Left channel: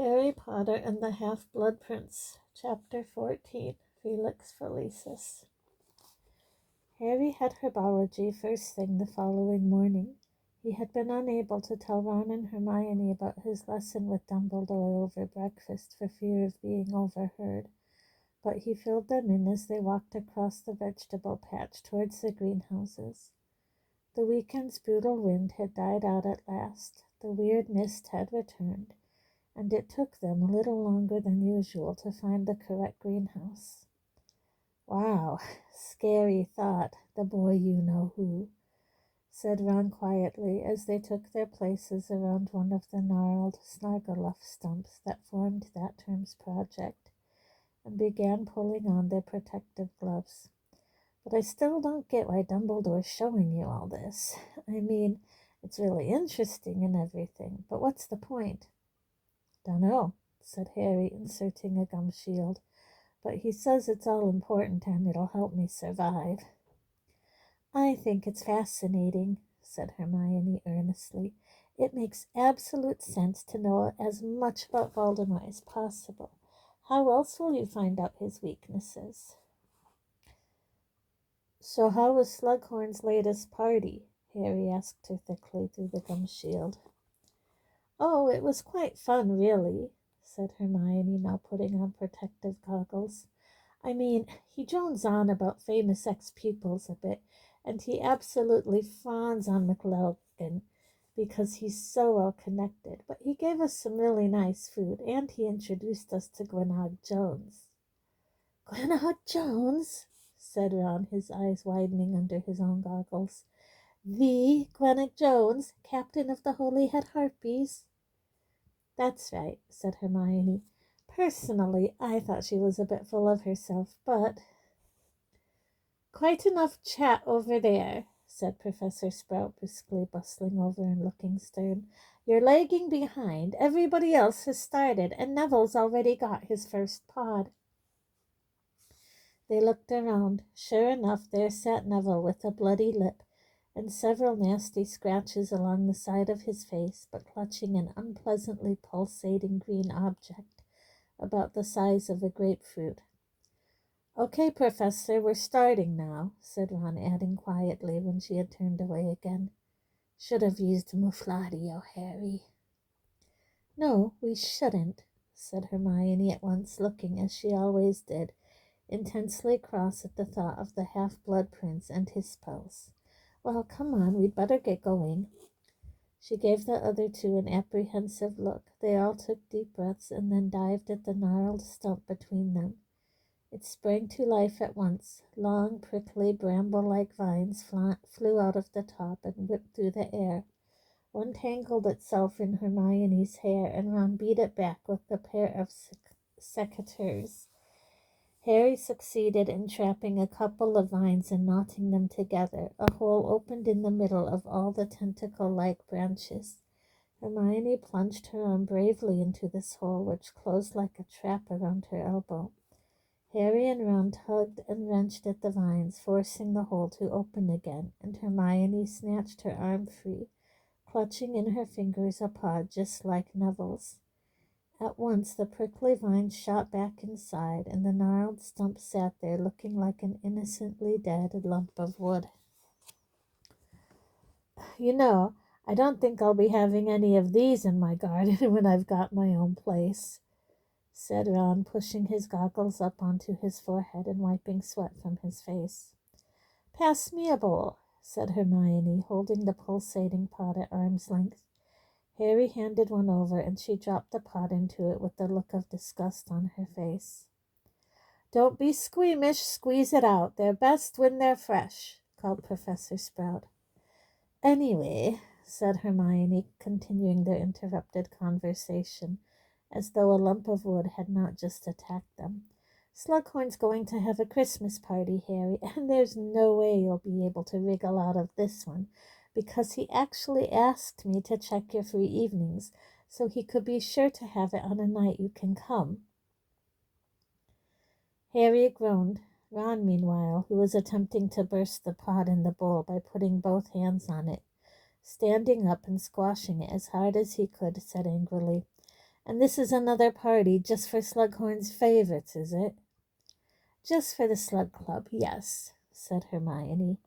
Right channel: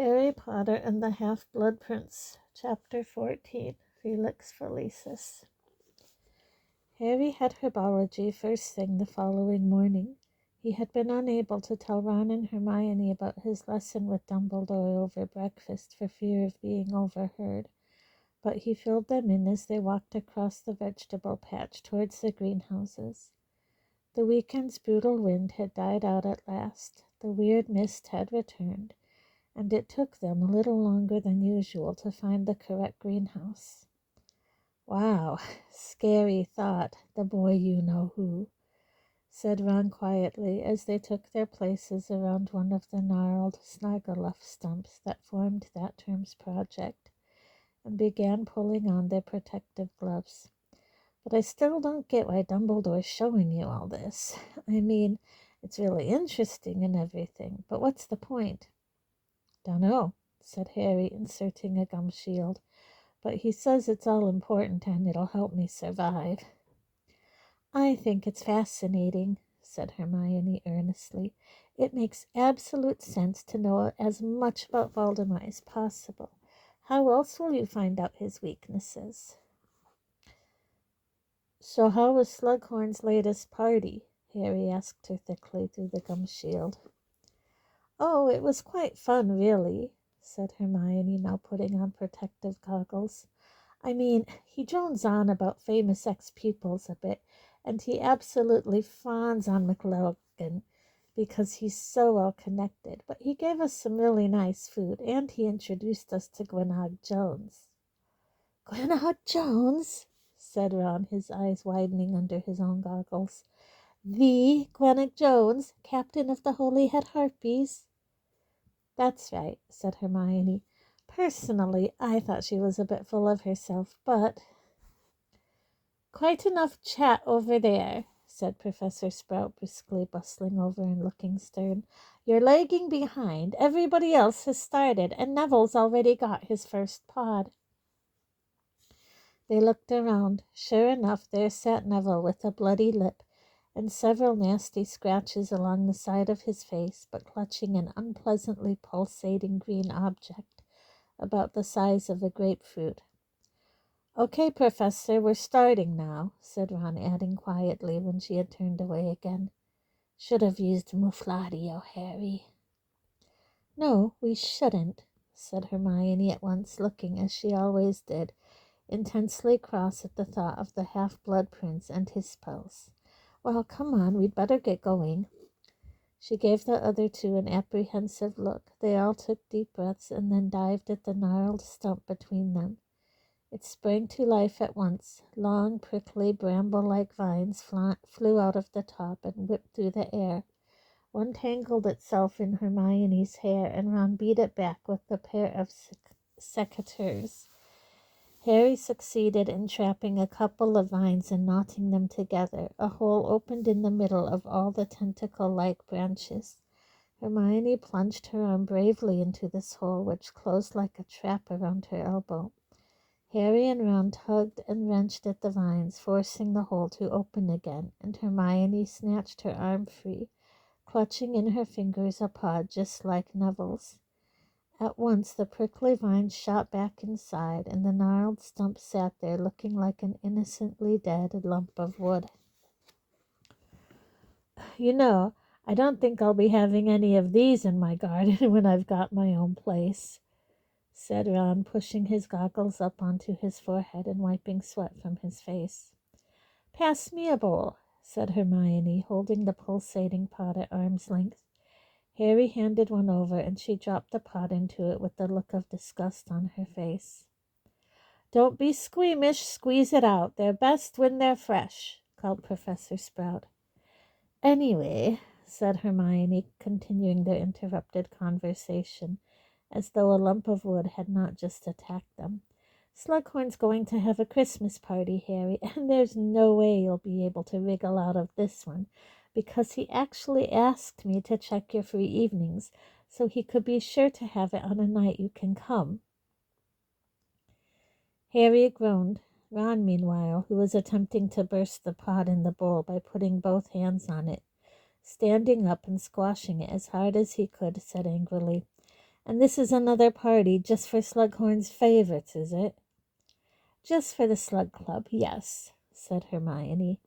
Harry Potter and the Half-Blood Prince, Chapter 14, Felix Felicis. Harry had herbology first thing the following morning. He had been unable to tell Ron and Hermione about his lesson with Dumbledore over breakfast for fear of being overheard, but he filled them in as they walked across the vegetable patch towards the greenhouses. The weekend's brutal wind had died out at last. The weird mist had returned, and it took them a little longer than usual to find the correct greenhouse. "Wow, scary thought, the boy-you-know-who," said Ron quietly as they took their places around one of the gnarled snargaluff stumps that formed that term's project and began pulling on their protective gloves. "But I still don't get why Dumbledore's showing you all this. I mean, it's really interesting and everything, but what's the point?" "Dunno," said Harry, inserting a gum shield, "but he says it's all important and it'll help me survive." "I think it's fascinating," said Hermione earnestly. "It makes absolute sense to know as much about Voldemort as possible. How else will you find out his weaknesses?" "So how was Slughorn's latest party?" Harry asked her thickly through the gum shield. "Oh, it was quite fun, really," said Hermione, now putting on protective goggles. "I mean, he drones on about famous ex-pupils a bit, and he absolutely fawns on McLaughlin because he's so well connected, but he gave us some really nice food, and he introduced us to Gwennog Jones." "Gwennog Jones?" said Ron, his eyes widening under his own goggles. "The Gwennog Jones, captain of the Holy Head Harpies?" "That's right," said Hermione. "Personally, I thought she was a bit full of herself, but—" "Quite enough chat over there," said Professor Sprout briskly, bustling over and looking stern. "You're lagging behind. Everybody else has started, and Neville's already got his first pod." They looked around. Sure enough, there sat Neville with a bloody lip and several nasty scratches along the side of his face, but clutching an unpleasantly pulsating green object about the size of a grapefruit. "Okay, Professor, we're starting now," said Ron, adding quietly when she had turned away again. "Should have used Mufladio, Harry." "No, we shouldn't," said Hermione at once, looking, as she always did, intensely cross at the thought of the Half-Blood Prince and his spells. "Well, come on, we'd better get going." She gave the other two an apprehensive look. They all took deep breaths and then dived at the gnarled stump between them. It sprang to life at once. Long, prickly, bramble-like vines flew out of the top and whipped through the air. One tangled itself in Hermione's hair, and Ron beat it back with the pair of secateurs. Harry succeeded in trapping a couple of vines and knotting them together. A hole opened in the middle of all the tentacle-like branches. Hermione plunged her arm bravely into this hole, which closed like a trap around her elbow. Harry and Ron tugged and wrenched at the vines, forcing the hole to open again, and Hermione snatched her arm free, clutching in her fingers a pod just like Neville's. At once the prickly vines shot back inside, and the gnarled stump sat there looking like an innocently dead lump of wood. "You know, I don't think I'll be having any of these in my garden when I've got my own place," said Ron, pushing his goggles up onto his forehead and wiping sweat from his face. "Pass me a bowl," said Hermione, holding the pulsating pot at arm's length. Harry handed one over, and she dropped the pot into it with a look of disgust on her face. "Don't be squeamish. Squeeze it out. They're best when they're fresh," called Professor Sprout. "Anyway," said Hermione, continuing their interrupted conversation, as though a lump of wood had not just attacked them, "Slughorn's going to have a Christmas party, Harry, and there's no way you'll be able to wriggle out of this one, because he actually asked me to check your free evenings, so he could be sure to have it on a night you can come." Harry groaned. Ron, meanwhile, who was attempting to burst the pot in the bowl by putting both hands on it, standing up and squashing it as hard as he could, said angrily, And this is another party just for Slughorn's favorites, is it? Just for the Slug Club, yes, said Hermione.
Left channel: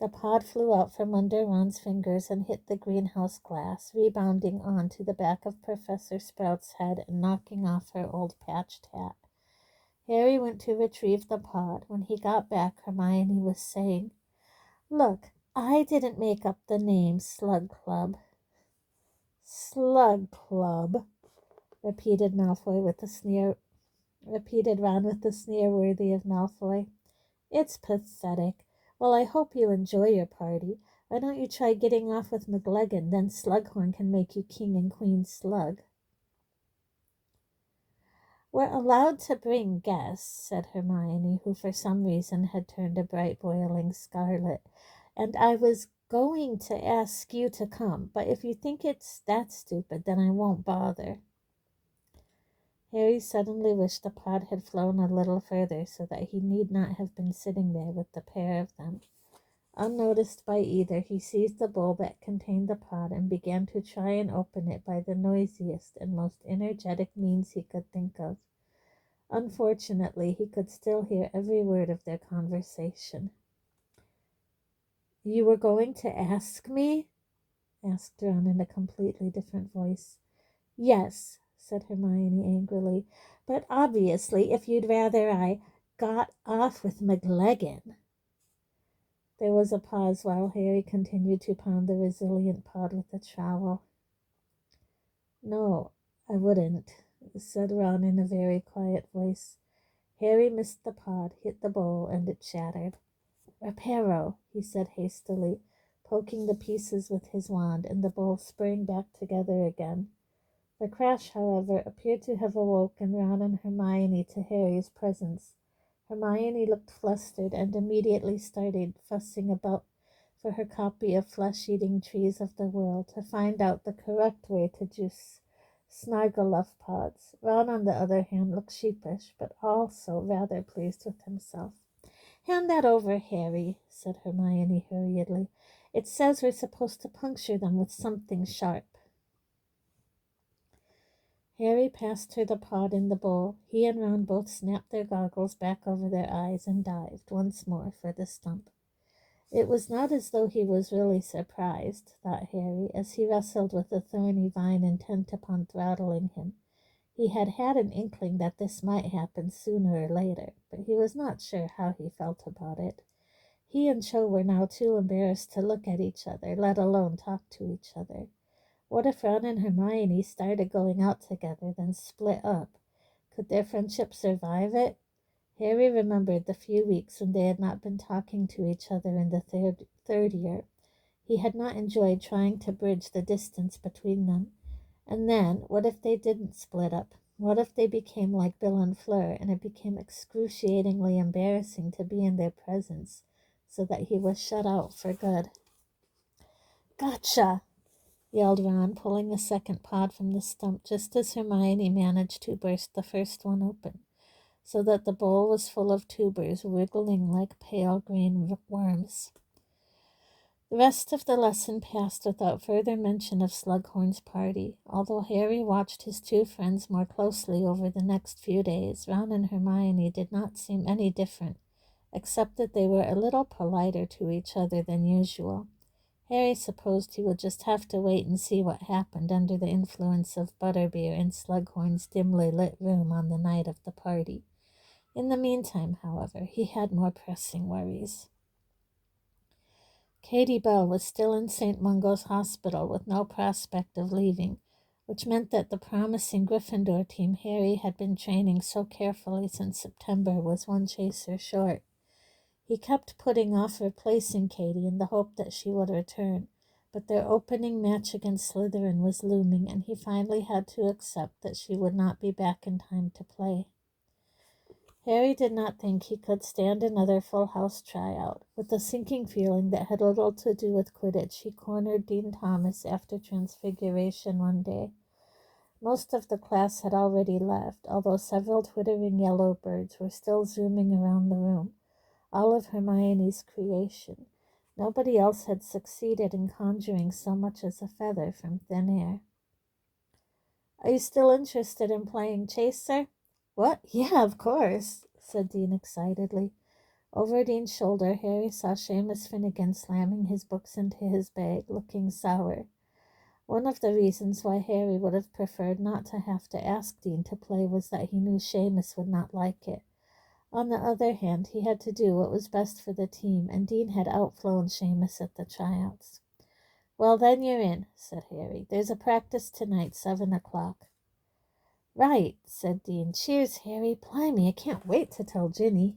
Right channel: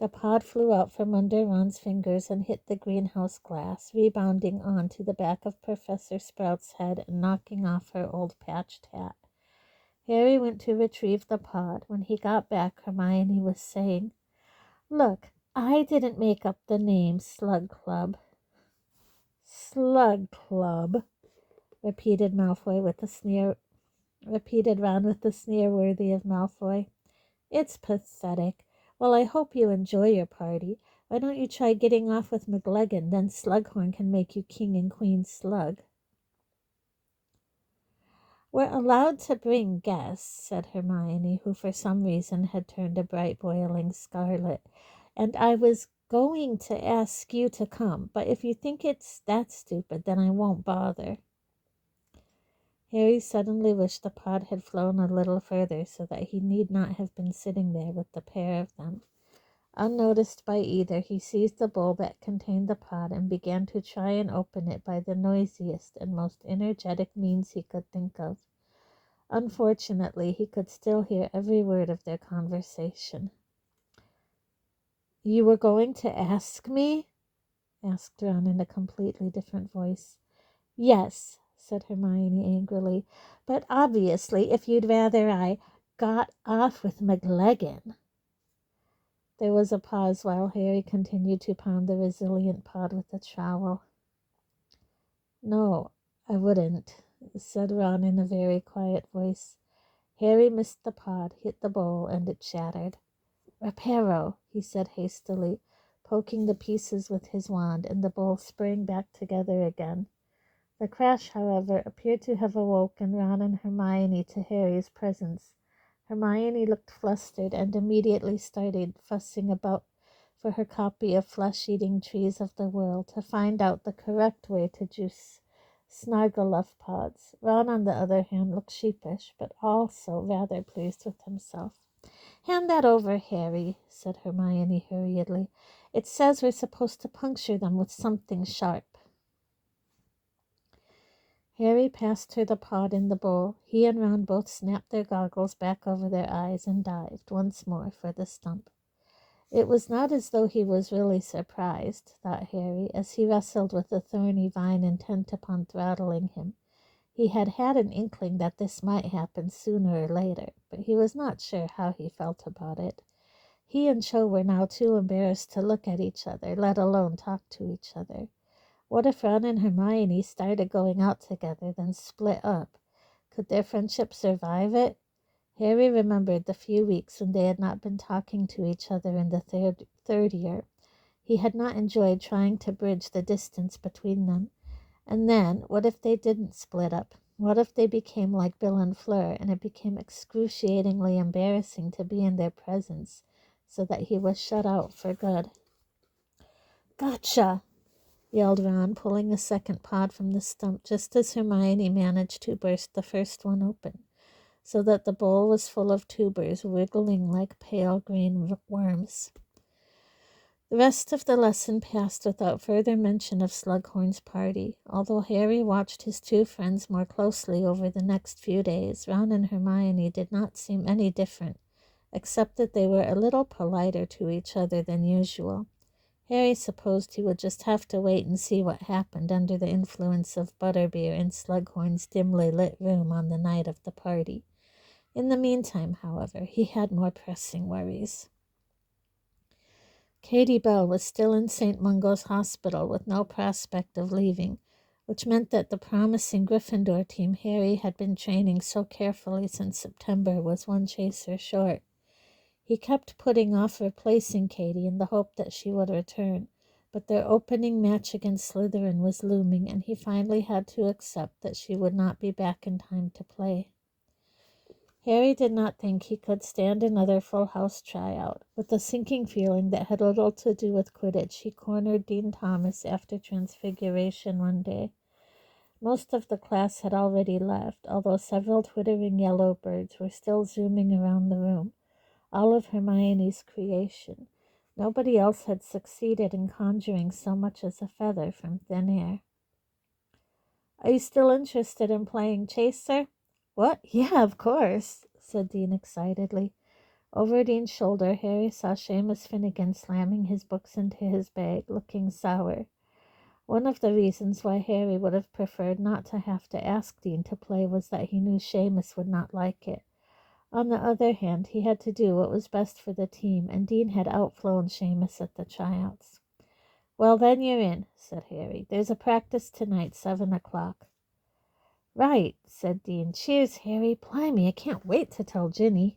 The pod flew out from under Ron's fingers and hit the greenhouse glass, rebounding onto the back of Professor Sprout's head and knocking off her old patched hat. Harry went to retrieve the pod. When he got back, Hermione was saying, "Look, I didn't make up the name Slug Club." "Slug Club," repeated Malfoy with a sneer. Repeated Ron with the sneer worthy of Malfoy. "It's pathetic. Well, I hope you enjoy your party. Why don't you try getting off with McLeggin? Then Slughorn can make you King and Queen Slug." "We're allowed to bring guests," said Hermione, who for some reason had turned a bright boiling scarlet. "And I was going to ask you to come, but if you think it's that stupid, then I won't bother." Harry suddenly wished the pod had flown a little further so that he need not have been sitting there with the pair of them. Unnoticed by either, he seized the bowl that contained the pod and began to try and open it by the noisiest and most energetic means he could think of. Unfortunately, he could still hear every word of their conversation. "You were going to ask me?" asked Ron in a completely different voice. "Yes," said Hermione angrily, "but obviously if you'd rather I got off with McLeggin." There was a pause while Harry continued to pound the resilient pod with a trowel. "No, I wouldn't," said Ron in a very quiet voice. Harry missed the pod, hit the bowl, and it shattered. "Reparo," he said hastily, poking the pieces with his wand, and the bowl sprang back together again. The crash, however, appeared to have awoken Ron and Hermione to Harry's presence. Hermione looked flustered and immediately started fussing about for her copy of Flesh-Eating Trees of the World to find out the correct way to juice Snargaluff pods. Ron, on the other hand, looked sheepish, but also rather pleased with himself. "Hand that over, Harry," said Hermione hurriedly. "It says we're supposed to puncture them with something sharp." Harry passed her the pod in the bowl. He and Ron both snapped their goggles back over their eyes and dived once more for the stump. It was not as though he was really surprised, thought Harry, as he wrestled with the thorny vine intent upon throttling him. He had had an inkling that this might happen sooner or later, but he was not sure how he felt about it. He and Cho were now too embarrassed to look at each other, let alone talk to each other. What if Ron and Hermione started going out together, then split up? Could their friendship survive it? Harry remembered the few weeks when they had not been talking to each other in the third year. He had not enjoyed trying to bridge the distance between them. And then, what if they didn't split up? What if they became like Bill and Fleur, and it became excruciatingly embarrassing to be in their presence, so that he was shut out for good? "Gotcha!" yelled Ron, pulling a second pod from the stump just as Hermione managed to burst the first one open, so that the bowl was full of tubers wriggling like pale green worms. The rest of the lesson passed without further mention of Slughorn's party. Although Harry watched his two friends more closely over the next few days, Ron and Hermione did not seem any different, except that they were a little politer to each other than usual. Harry supposed he would just have to wait and see what happened under the influence of butterbeer in Slughorn's dimly lit room on the night of the party. In the meantime, however, he had more pressing worries. Katie Bell was still in St. Mungo's Hospital with no prospect of leaving, which meant that the promising Gryffindor team Harry had been training so carefully since September was one chaser short. He kept putting off replacing Katie in the hope that she would return, but their opening match against Slytherin was looming, and he finally had to accept that she would not be back in time to play. Harry did not think he could stand another full house tryout. With a sinking feeling that had little to do with Quidditch, he cornered Dean Thomas after Transfiguration one day. Most of the class had already left, although several twittering yellow birds were still zooming around the room, all of Hermione's creation. Nobody else had succeeded in conjuring so much as a feather from thin air. Are you still interested in playing chaser? What? Yeah, of course, said Dean excitedly. Over Dean's shoulder, Harry saw Seamus Finnegan slamming his books into his bag, looking sour. One of the reasons why Harry would have preferred not to have to ask Dean to play was that he knew Seamus would not like it. On the other hand, he had to do what was best for the team, and Dean had outflown Seamus at the tryouts. Well, then you're in, said Harry. There's a practice tonight, 7 o'clock. Right, said Dean. Cheers, Harry. Blimey, I can't wait to tell Ginny.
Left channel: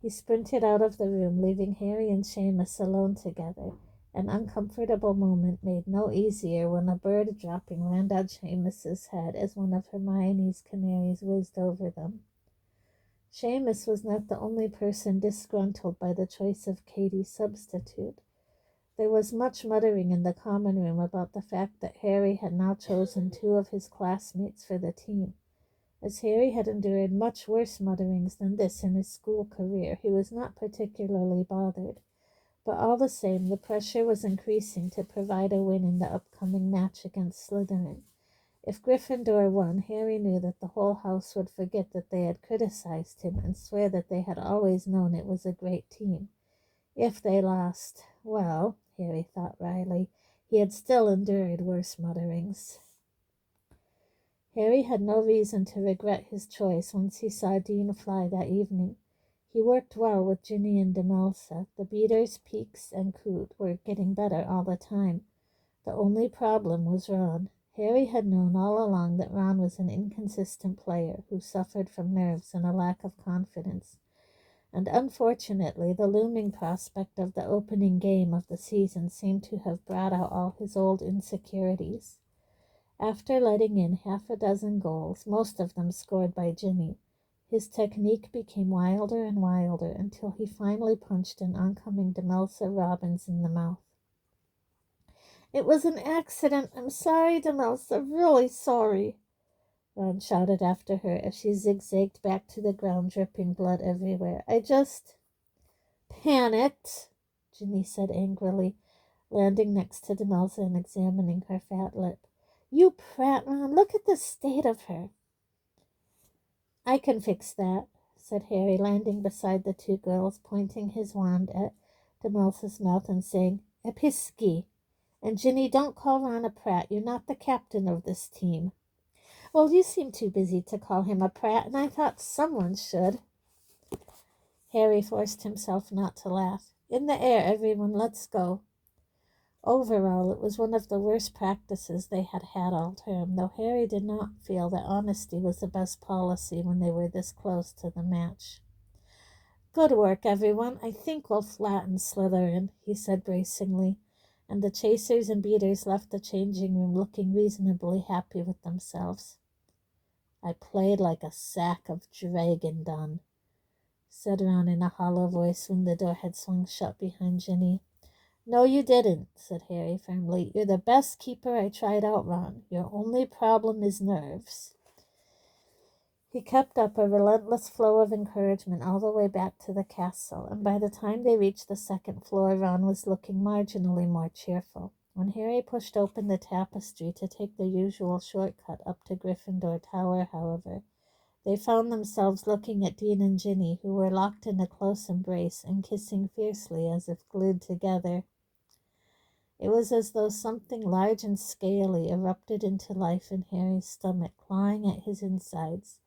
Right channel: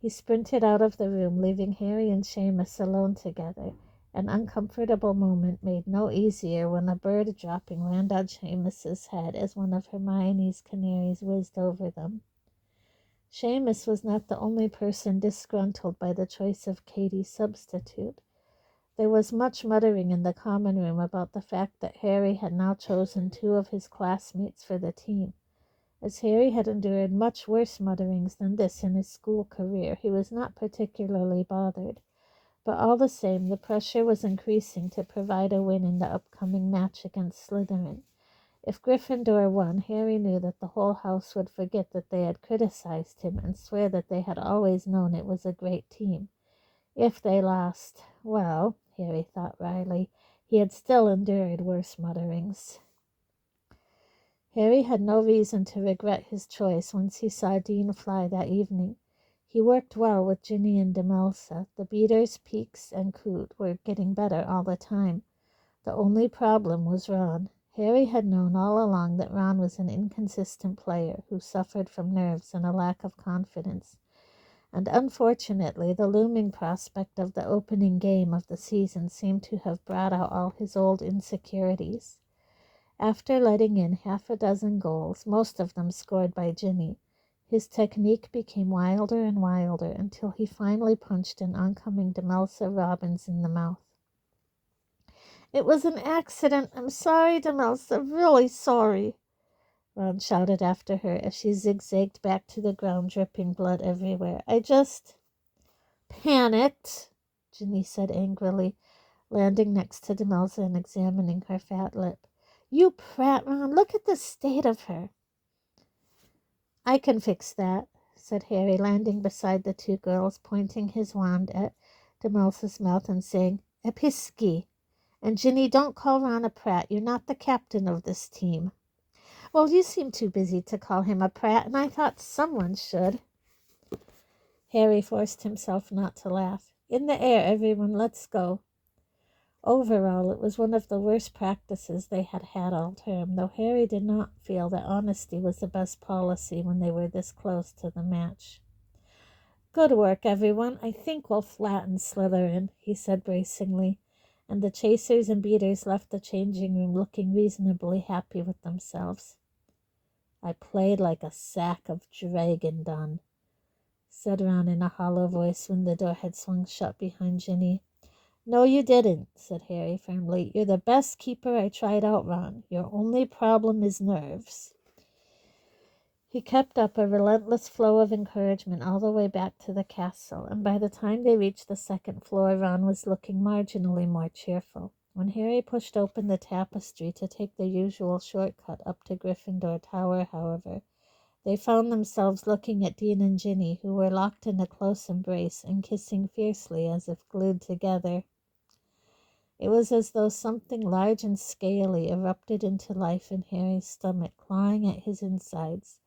He sprinted out of the room, leaving Harry and Seamus alone together. An uncomfortable moment made no easier when a bird dropping landed on Seamus's head as one of Hermione's canaries whizzed over them. Seamus was not the only person disgruntled by the choice of Katie's substitute. There was much muttering in the common room about the fact that Harry had now chosen 2 of his classmates for the team. As Harry had endured much worse mutterings than this in his school career, he was not particularly bothered. But all the same, the pressure was increasing to provide a win in the upcoming match against Slytherin. If Gryffindor won, Harry knew that the whole house would forget that they had criticized him and swear that they had always known it was a great team. If they lost, well, Harry thought wryly, he had still endured worse mutterings. Harry had no reason to regret his choice once he saw Dean fly that evening. He worked well with Ginny and Demelsa. The beaters, Peaks, and Coot were getting better all the time. The only problem was Ron. Harry had known all along that Ron was an inconsistent player who suffered from nerves and a lack of confidence. And unfortunately, the looming prospect of the opening game of the season seemed to have brought out all his old insecurities. After letting in 6 goals, most of them scored by Ginny, his technique became wilder and wilder until he finally punched an oncoming Demelsa Robbins in the mouth. It was an accident. I'm sorry, Demelsa, really sorry, Ron shouted after her as she zigzagged back to the ground, dripping blood everywhere. I just panicked, Ginny said angrily, landing next to Demelsa and examining her fat lip. You prat, Ron, look at the state of her. I can fix that, said Harry, landing beside the 2 girls, pointing his wand at Demelsa's mouth and saying, Episci. And Ginny, don't call Ron a prat. You're not the captain of this team. Well, you seem too busy to call him a prat, and I thought someone should. Harry forced himself not to laugh. In the air, everyone, let's go. Overall, it was one of the worst practices they had had all term, though Harry did not feel that honesty was the best policy when they were this close to the match. Good work, everyone. I think we'll flatten Slytherin, he said bracingly, and the chasers and beaters left the changing room looking reasonably happy with themselves. I played like a sack of dragon dung, said Ron in a hollow voice when the door had swung shut behind Ginny. No, you didn't, said Harry firmly. You're the best keeper I tried out, Ron. Your only problem is nerves. He kept up a relentless flow of encouragement all the way back to the castle, and by the time they reached the 2nd floor, Ron was looking marginally more cheerful. When Harry pushed open the tapestry to take the usual shortcut up to Gryffindor Tower, however, they found themselves looking at Dean and Ginny, who were locked in a close embrace and kissing fiercely as if glued together. It was as though something large and scaly erupted into life in Harry's stomach, clawing at his insides.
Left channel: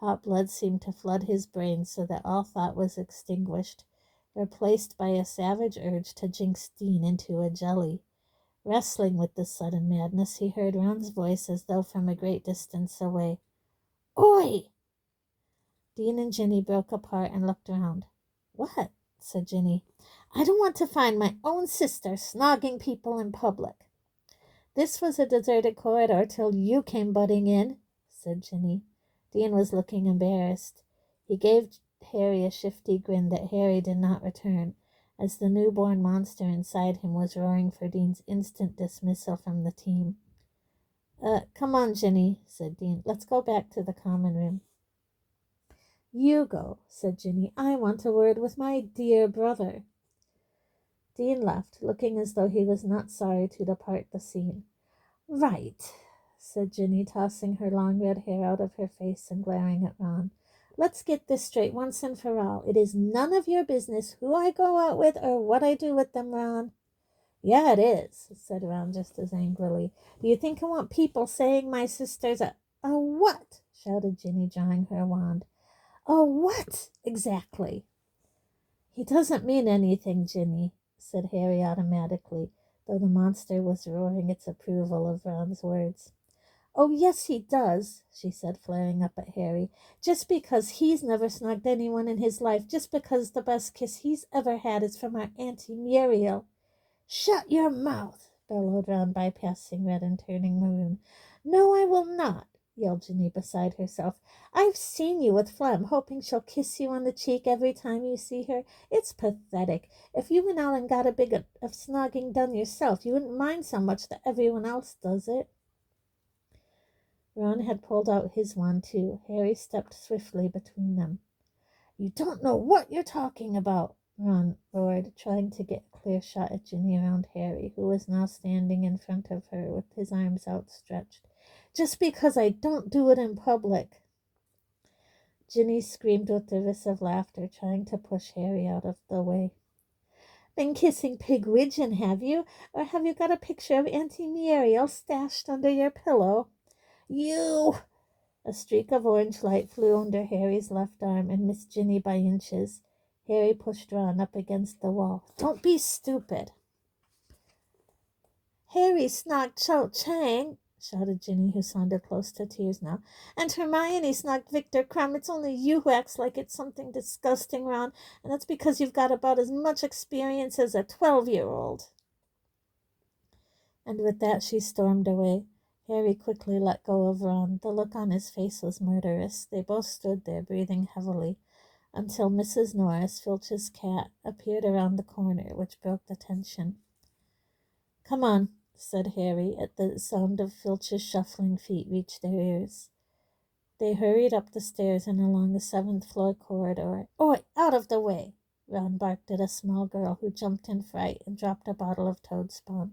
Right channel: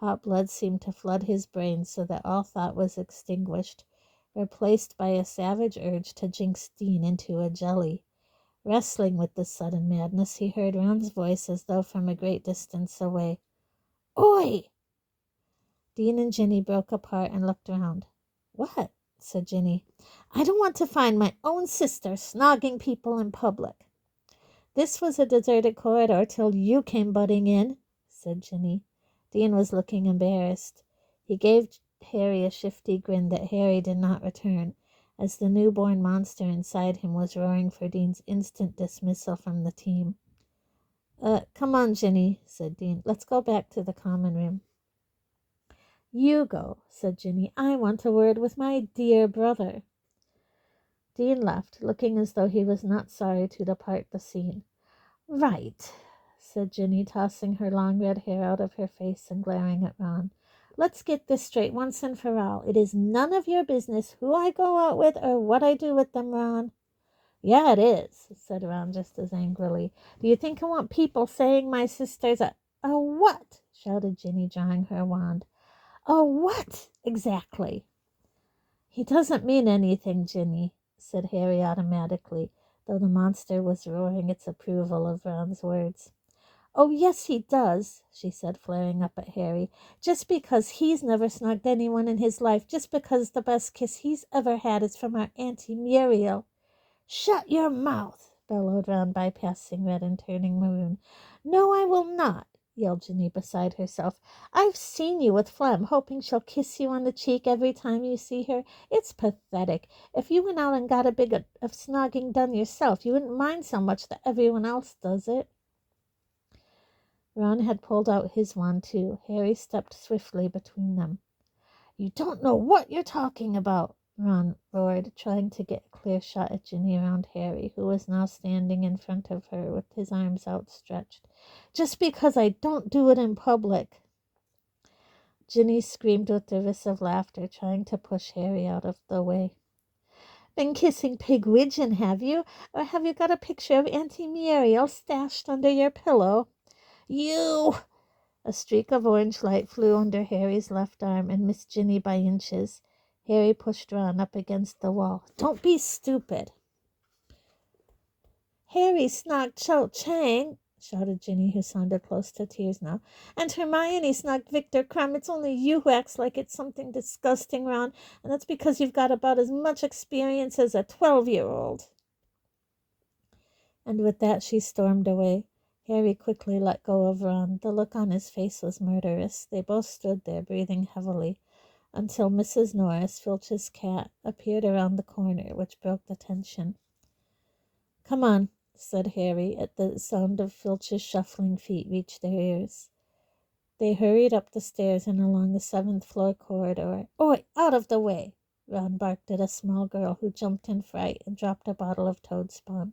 Hot blood seemed to flood his brain so that all thought was extinguished, replaced by a savage urge to jinx Dean into a jelly. Wrestling with this sudden madness, he heard Ron's voice as though from a great distance away. Oi! Dean and Ginny broke apart and looked round. What? Said Ginny. I don't want to find my own sister snogging people in public. This was a deserted corridor till you came butting in, said Ginny. Dean was looking embarrassed. He gave Harry a shifty grin that Harry did not return, as the newborn monster inside him was roaring for Dean's instant dismissal from the team. Come on, Ginny, said Dean. Let's go back to the common room. You go, said Ginny. I want a word with my dear brother. Dean left, looking as though he was not sorry to depart the scene. Right, said Ginny, tossing her long red hair out of her face and glaring at Ron. Let's get this straight once and for all. It is none of your business who I go out with or what I do with them, Ron. Yeah, it is, said Ron just as angrily. Do you think I want people saying my sister's a what? Shouted Ginny, drawing her wand. A what? Exactly. He doesn't mean anything, Ginny, said Harry automatically, though the monster was roaring its approval of Ron's words. Oh, yes, he does, she said, flaring up at Harry. Just because he's never snugged anyone in his life, just because the best kiss he's ever had is from our Auntie Muriel. Shut your mouth, bellowed Ron, bypassing Red and turning maroon. No, I will not, yelled Ginny beside herself. I've seen you with Flem, hoping she'll kiss you on the cheek every time you see her. It's pathetic. If you went out and got a bit of snogging done yourself, you wouldn't mind so much that everyone else does it. Ron had pulled out his wand, too. Harry stepped swiftly between them. You don't know what you're talking about, Ron roared, trying to get a clear shot at Ginny around Harry, who was now standing in front of her with his arms outstretched. Just because I don't do it in public. Ginny screamed with derisive laughter, trying to push Harry out of the way. Been kissing Pigwidgeon, have you? Or have you got a picture of Auntie Muriel stashed under your pillow? You! A streak of orange light flew under Harry's left arm and missed Ginny by inches. Harry pushed Ron up against the wall. Don't be stupid. Harry snogged Cho Chang, shouted Ginny, who sounded close to tears now. And Hermione snogged Victor Crumb. It's only you who acts like it's something disgusting, Ron, and that's because you've got about as much experience as a 12-year-old. And with that she stormed away. Harry quickly let go of Ron. The look on his face was murderous. They both stood there, breathing heavily, until Mrs. Norris, Filch's cat, appeared around the corner, which broke the tension. Come on, said Harry, at the sound of Filch's shuffling feet reached their ears. They hurried up the stairs and along the 7th-floor corridor. Oi, out of the way! Ron barked at a small girl who jumped in fright and dropped a bottle of toad spawn.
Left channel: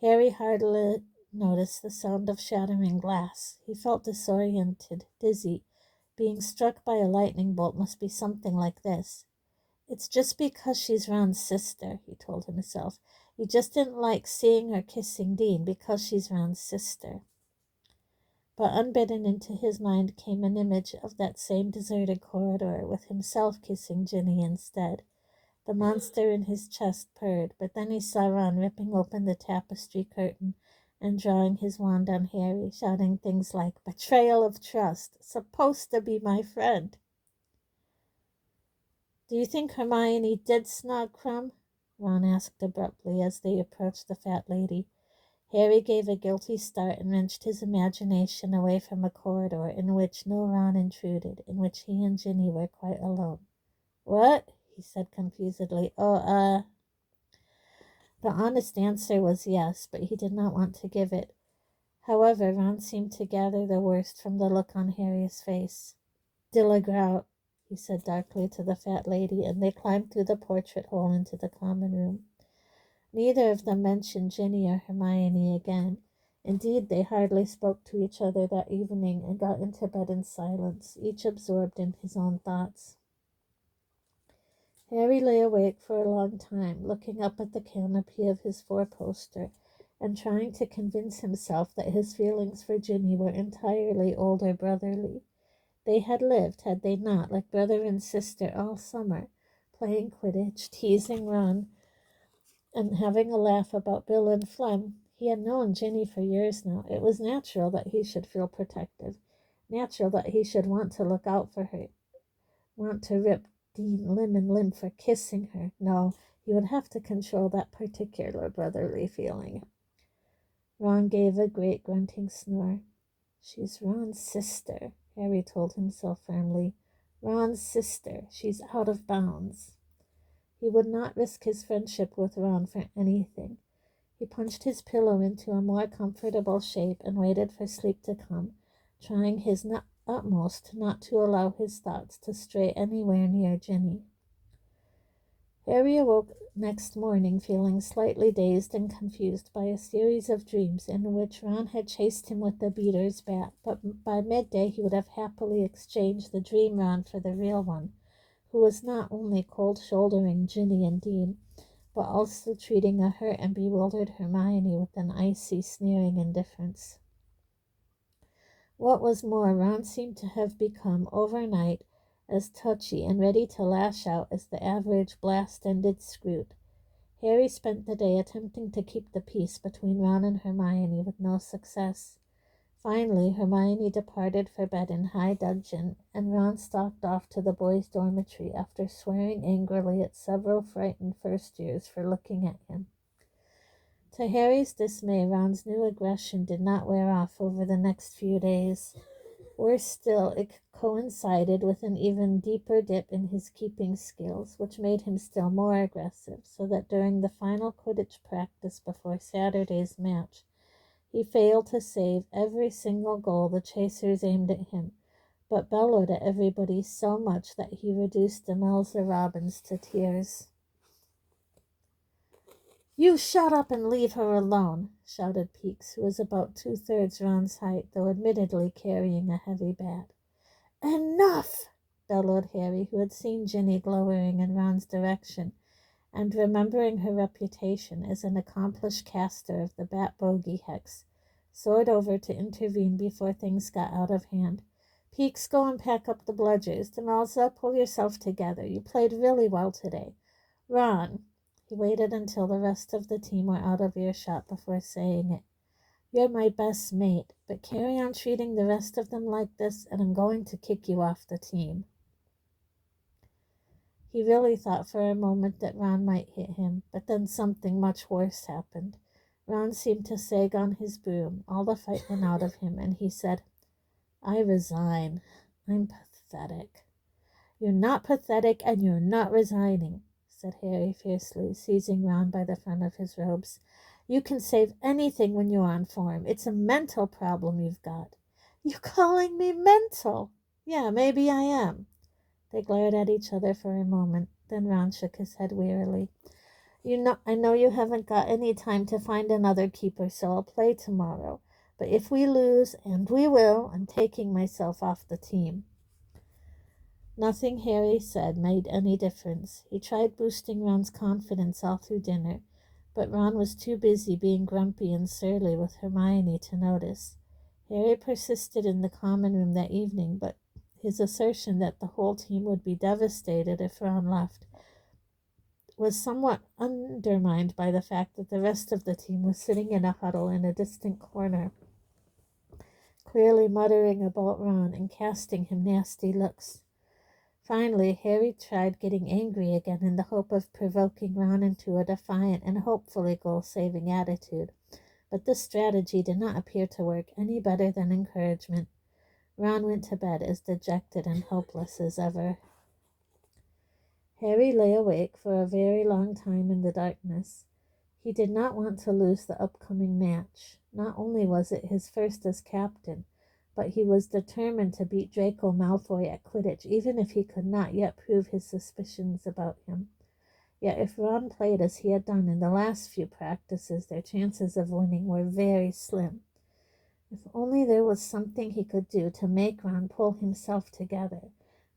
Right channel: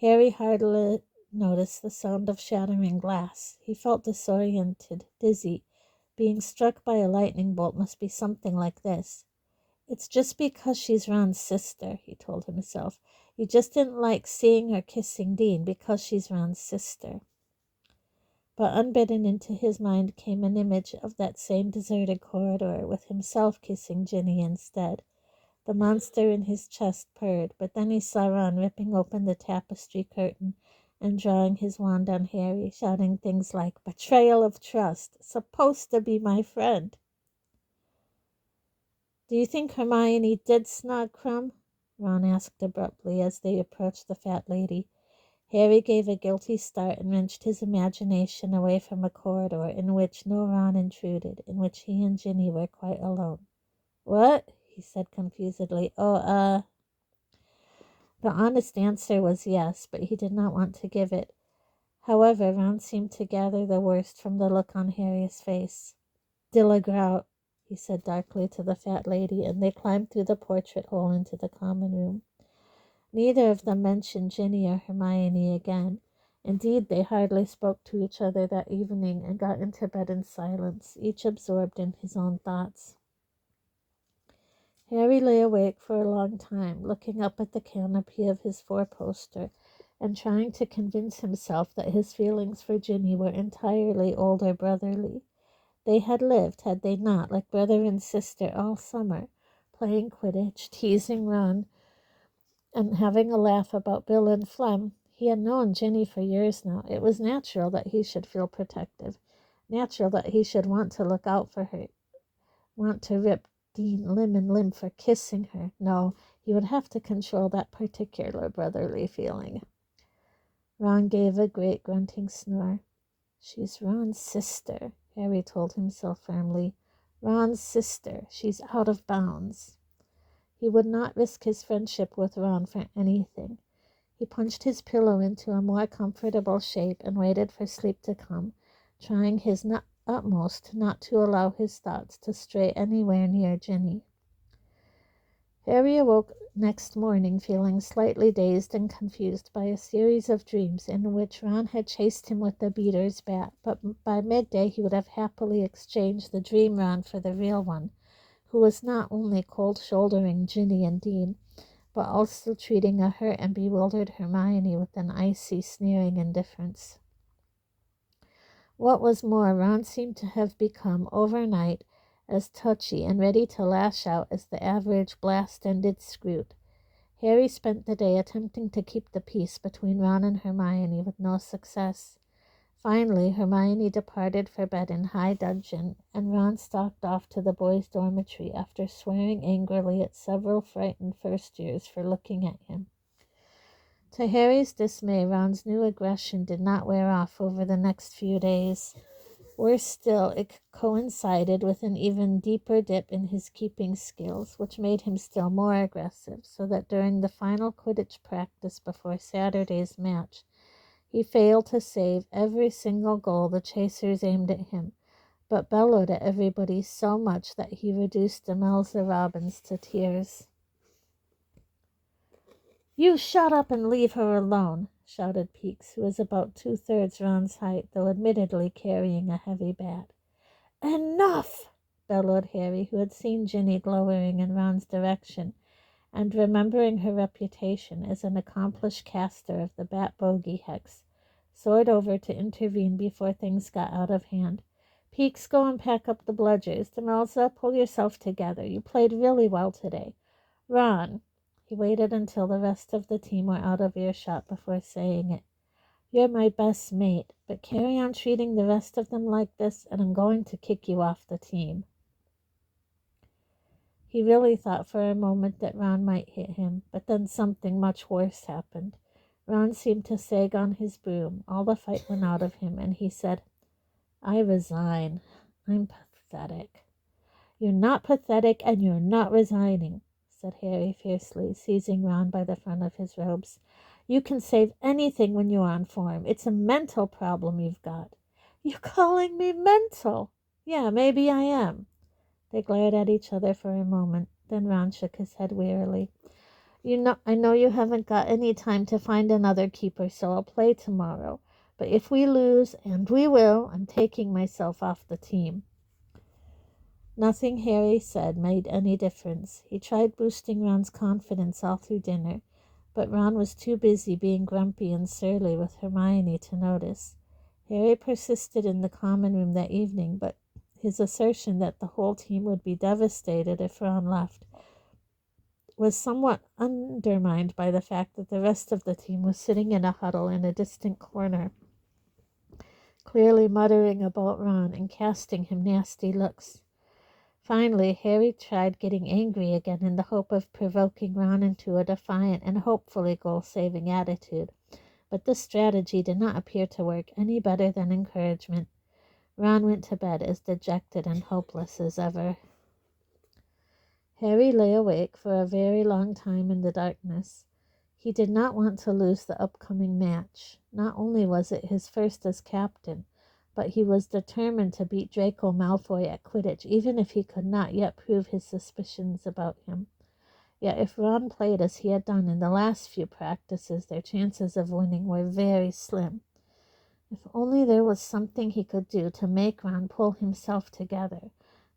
Harry hardly noticed the sound of shattering glass. He felt disoriented, dizzy. Being struck by a lightning bolt must be something like this. It's just because she's Ron's sister, he told himself. He just didn't like seeing her kissing Dean because she's Ron's sister. But unbidden into his mind came an image of that same deserted corridor with himself kissing Ginny instead. The monster in his chest purred, but then he saw Ron ripping open the tapestry curtain and drawing his wand on Harry, shouting things like, betrayal of trust, supposed to be my friend. Do you think Hermione did snog Crumb? Ron asked abruptly as they approached the fat lady. Harry gave a guilty start and wrenched his imagination away from a corridor in which no Ron intruded, in which he and Ginny were quite alone. What? He said confusedly. The honest answer was yes, but he did not want to give it. However, Ron seemed to gather the worst from the look on Harry's face. Dillagrout, he said darkly to the fat lady, and they climbed through the portrait hole into the common room. Neither of them mentioned Ginny or Hermione again. Indeed, they hardly spoke to each other that evening and got into bed in silence, each absorbed in his own thoughts. Harry lay awake for a long time, looking up at the canopy of his four-poster and trying to convince himself that his feelings for Ginny were entirely older brotherly. They had lived, had they not, like brother and sister all summer, playing Quidditch, teasing Ron, and having a laugh about Bill and Flem. He had known Ginny for years now. It was natural that he should feel protective, natural that he should want to look out for her, want to rip Dean limb and limb for kissing her. No, he would have to control that particular brotherly feeling. Ron gave a great grunting snore. She's Ron's sister, Harry told himself firmly. Ron's sister. She's out of bounds. He would not risk his friendship with Ron for anything. He punched his pillow into a more comfortable shape and waited for sleep to come, trying his utmost not to allow his thoughts to stray anywhere near Ginny. Harry awoke next morning, feeling slightly dazed and confused by a series of dreams in which Ron had chased him with the beater's bat, but by midday he would have happily exchanged the dream Ron for the real one, who was not only cold-shouldering Ginny and Dean, but also treating a hurt and bewildered Hermione with an icy, sneering indifference. What was more, Ron seemed to have become, overnight, as touchy and ready to lash out as the average blast-ended Scroot. Harry spent the day attempting to keep the peace between Ron and Hermione with no success. Finally, Hermione departed for bed in high dudgeon, and Ron stalked off to the boys' dormitory after swearing angrily at several frightened first-years for looking at him. To Harry's dismay, Ron's new aggression did not wear off over the next few days. Worse still, it coincided with an even deeper dip in his keeping skills, which made him still more aggressive, so that during the final Quidditch practice before Saturday's match, he failed to save every single goal the chasers aimed at him, but bellowed at everybody so much that he reduced Demelza Robbins to tears. "You shut up and leave her alone," shouted Peeks, who was about 2/3 Ron's height, though admittedly carrying a heavy bat. "Enough!" bellowed Harry, who had seen Ginny glowering in Ron's direction, and remembering her reputation as an accomplished caster of the bat bogey hex, soared over to intervene before things got out of hand. "Peeks, go and pack up the bludgers. Demelza, pull yourself together. You played really well today. Ron," he waited until the rest of the team were out of earshot before saying it, "you're my best mate, but carry on treating the rest of them like this, and I'm going to kick you off the team." He really thought for a moment that Ron might hit him, but then something much worse happened. Ron seemed to sag on his broom. All the fight went out of him, and he said, "I resign. I'm pathetic." "You're not pathetic, and you're not resigning," said Harry fiercely, seizing Ron by the front of his robes. "You can save anything when you're on form. It's a mental problem you've got." "You're calling me mental?" "Yeah, maybe I am." They glared at each other for a moment. Then Ron shook his head wearily. I know you haven't got any time to find another keeper, so I'll play tomorrow. But if we lose, and we will, I'm taking myself off the team." Nothing Harry said made any difference. He tried boosting Ron's confidence all through dinner, but Ron was too busy being grumpy and surly with Hermione to notice. Harry persisted in the common room that evening, but his assertion that the whole team would be devastated if Ron left was somewhat undermined by the fact that the rest of the team was sitting in a huddle in a distant corner, clearly muttering about Ron and casting him nasty looks. Finally, Harry tried getting angry again in the hope of provoking Ron into a defiant and hopefully goal-saving attitude, but this strategy did not appear to work any better than encouragement. Ron went to bed as dejected and hopeless as ever. Harry lay awake for a very long time in the darkness. He did not want to lose the upcoming match. Not only was it his first as captain, but he was determined to beat Draco Malfoy at Quidditch, even if he could not yet prove his suspicions about him. Yet if Ron played as he had done in the last few practices, their chances of winning were very slim. If only there was something he could do to make Ron pull himself together,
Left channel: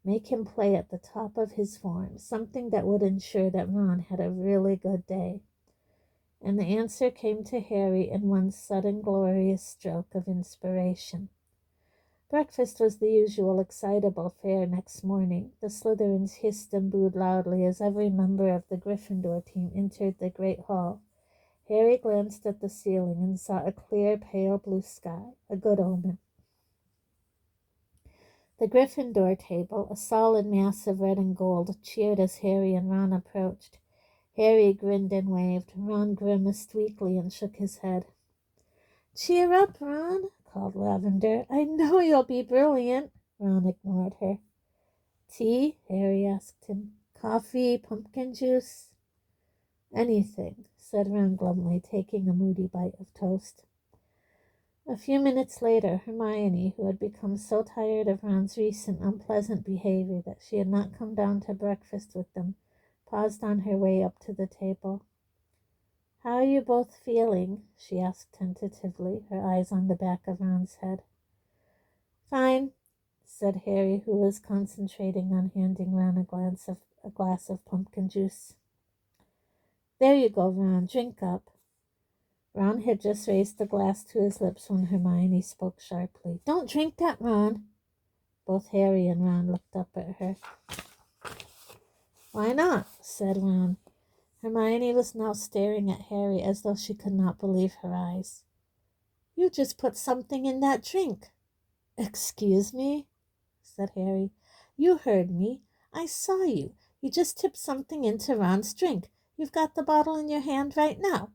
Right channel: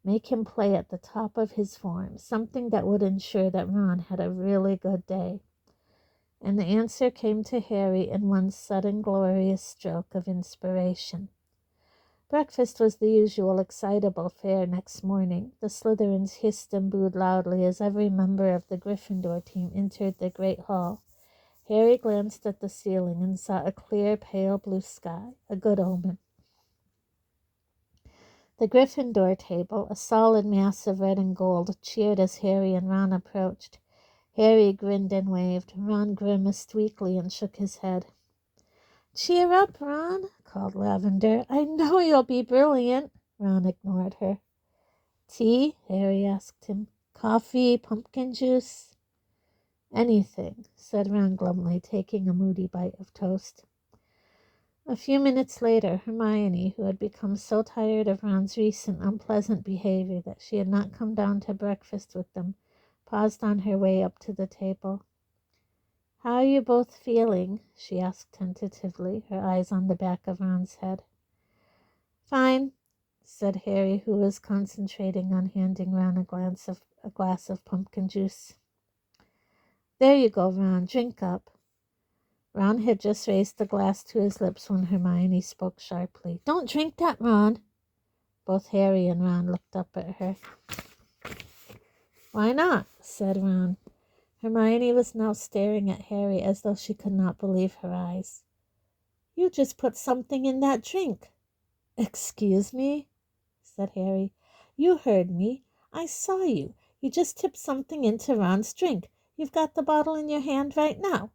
make him play at the top of his form, something that would ensure that Ron had a really good day. And the answer came to Harry in one sudden glorious stroke of inspiration. Breakfast was the usual excitable fare next morning. The Slytherins hissed and booed loudly as every member of the Gryffindor team entered the great hall. Harry glanced at the ceiling and saw a clear, pale blue sky, a good omen. The Gryffindor table, a solid mass of red and gold, cheered as Harry and Ron approached. Harry grinned and waved. Ron grimaced weakly and shook his head. "Cheer up, Ron," called Lavender. "I know you'll be brilliant." Ron ignored her. "Tea?" Harry asked him. "Coffee, pumpkin juice?" "Anything," said Ron glumly, taking a moody bite of toast. A few minutes later, Hermione, who had become so tired of Ron's recent unpleasant behavior that she had not come down to breakfast with them, paused on her way up to the table. "How are you both feeling?" she asked tentatively, her eyes on the back of Ron's head. "Fine," said Harry, who was concentrating on handing Ron a glass of pumpkin juice. "There you go, Ron, drink up." Ron had just raised the glass to his lips when Hermione spoke sharply. "Don't drink that, Ron." Both Harry and Ron looked up at her. "Why not?" said Ron. Hermione was now staring at Harry as though she could not believe her eyes. "You just put something in that drink." "Excuse me?" said Harry. "You heard me. I saw you. You just tipped something into Ron's drink. You've got the bottle in your hand right now."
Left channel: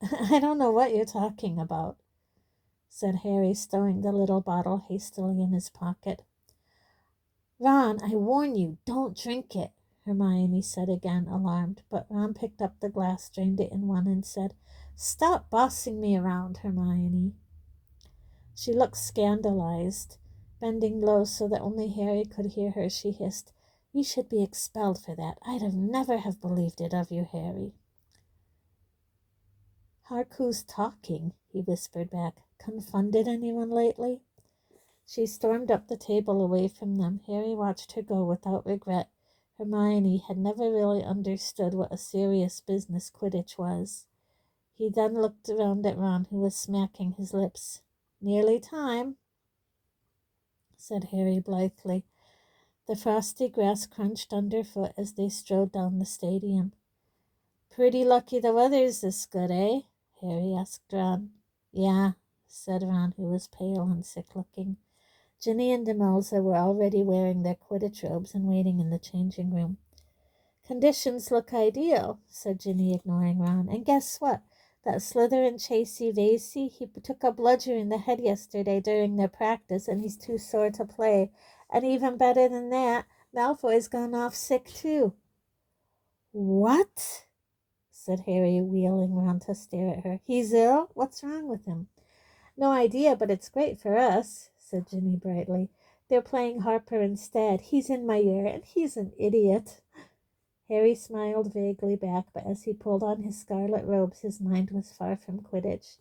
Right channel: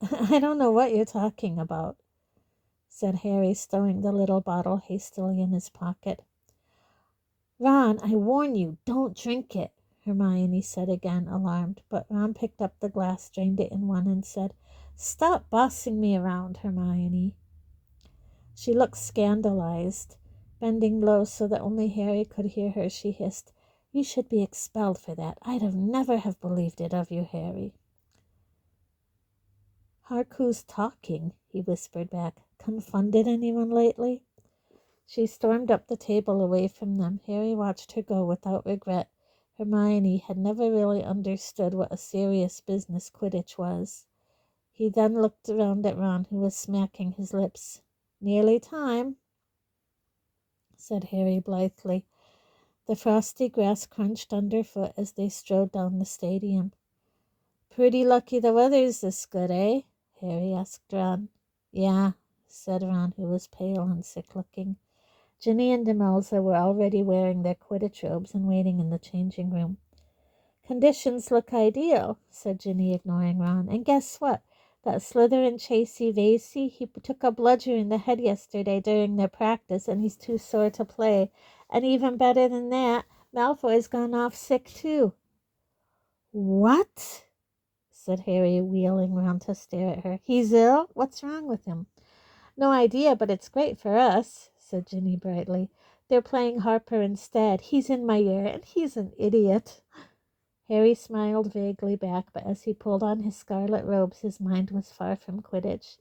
"I don't know what you're talking about," said Harry, stowing the little bottle hastily in his pocket. "Ron, I warn you, don't drink it," Hermione said again, alarmed, but Ron picked up the glass, drained it in one, and said, "Stop bossing me around, Hermione." She looked scandalized. Bending low so that only Harry could hear her, she hissed, "You should be expelled for that. I'd never have believed it of you, Harry." "Hark who's talking," he whispered back. "Confounded anyone lately?" She stormed up the table away from them. Harry watched her go without regret. Hermione had never really understood what a serious business Quidditch was. He then looked around at Ron, who was smacking his lips. "Nearly time," said Harry blithely. The frosty grass crunched underfoot as they strode down the stadium. "Pretty lucky the weather's this good, eh?" Harry asked Ron. "Yeah," said Ron, who was pale and sick-looking. Ginny and Demelza were already wearing their Quidditch robes and waiting in the changing room. "Conditions look ideal," said Ginny, ignoring Ron. "And guess what? That Slytherin chasey Vasey, he took a bludger in the head yesterday during their practice, and he's too sore to play. And even better than that, Malfoy's gone off sick too." "What?" said Harry, wheeling round to stare at her. "He's ill? What's wrong with him?" "No idea, but it's great for us," said Ginny brightly. "They're playing Harper instead. He's in my year, and he's an idiot." Harry smiled vaguely back, but as he pulled on his scarlet robes, his mind was far from Quidditch.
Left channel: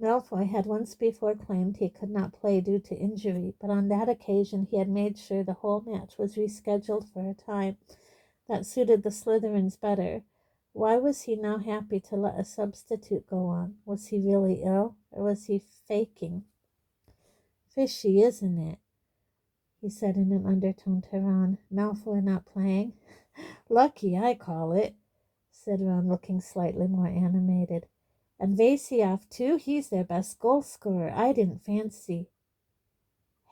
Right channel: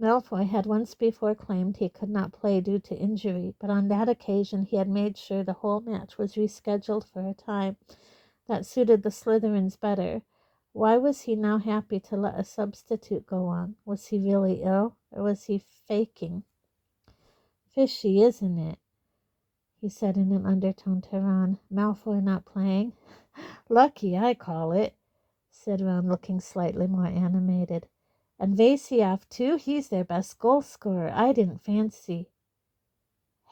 Malfoy had once before claimed he could not play due to injury, but on that occasion he had made sure the whole match was rescheduled for a time that suited the Slytherins better. Why was he now happy to let a substitute go on? Was he really ill, or was he faking? "Fishy, isn't it?" he said in an undertone to Ron. "Malfoy not playing?" "Lucky, I call it," said Ron, looking slightly more animated. "And Vasey off too? He's their best goal scorer. I didn't fancy—"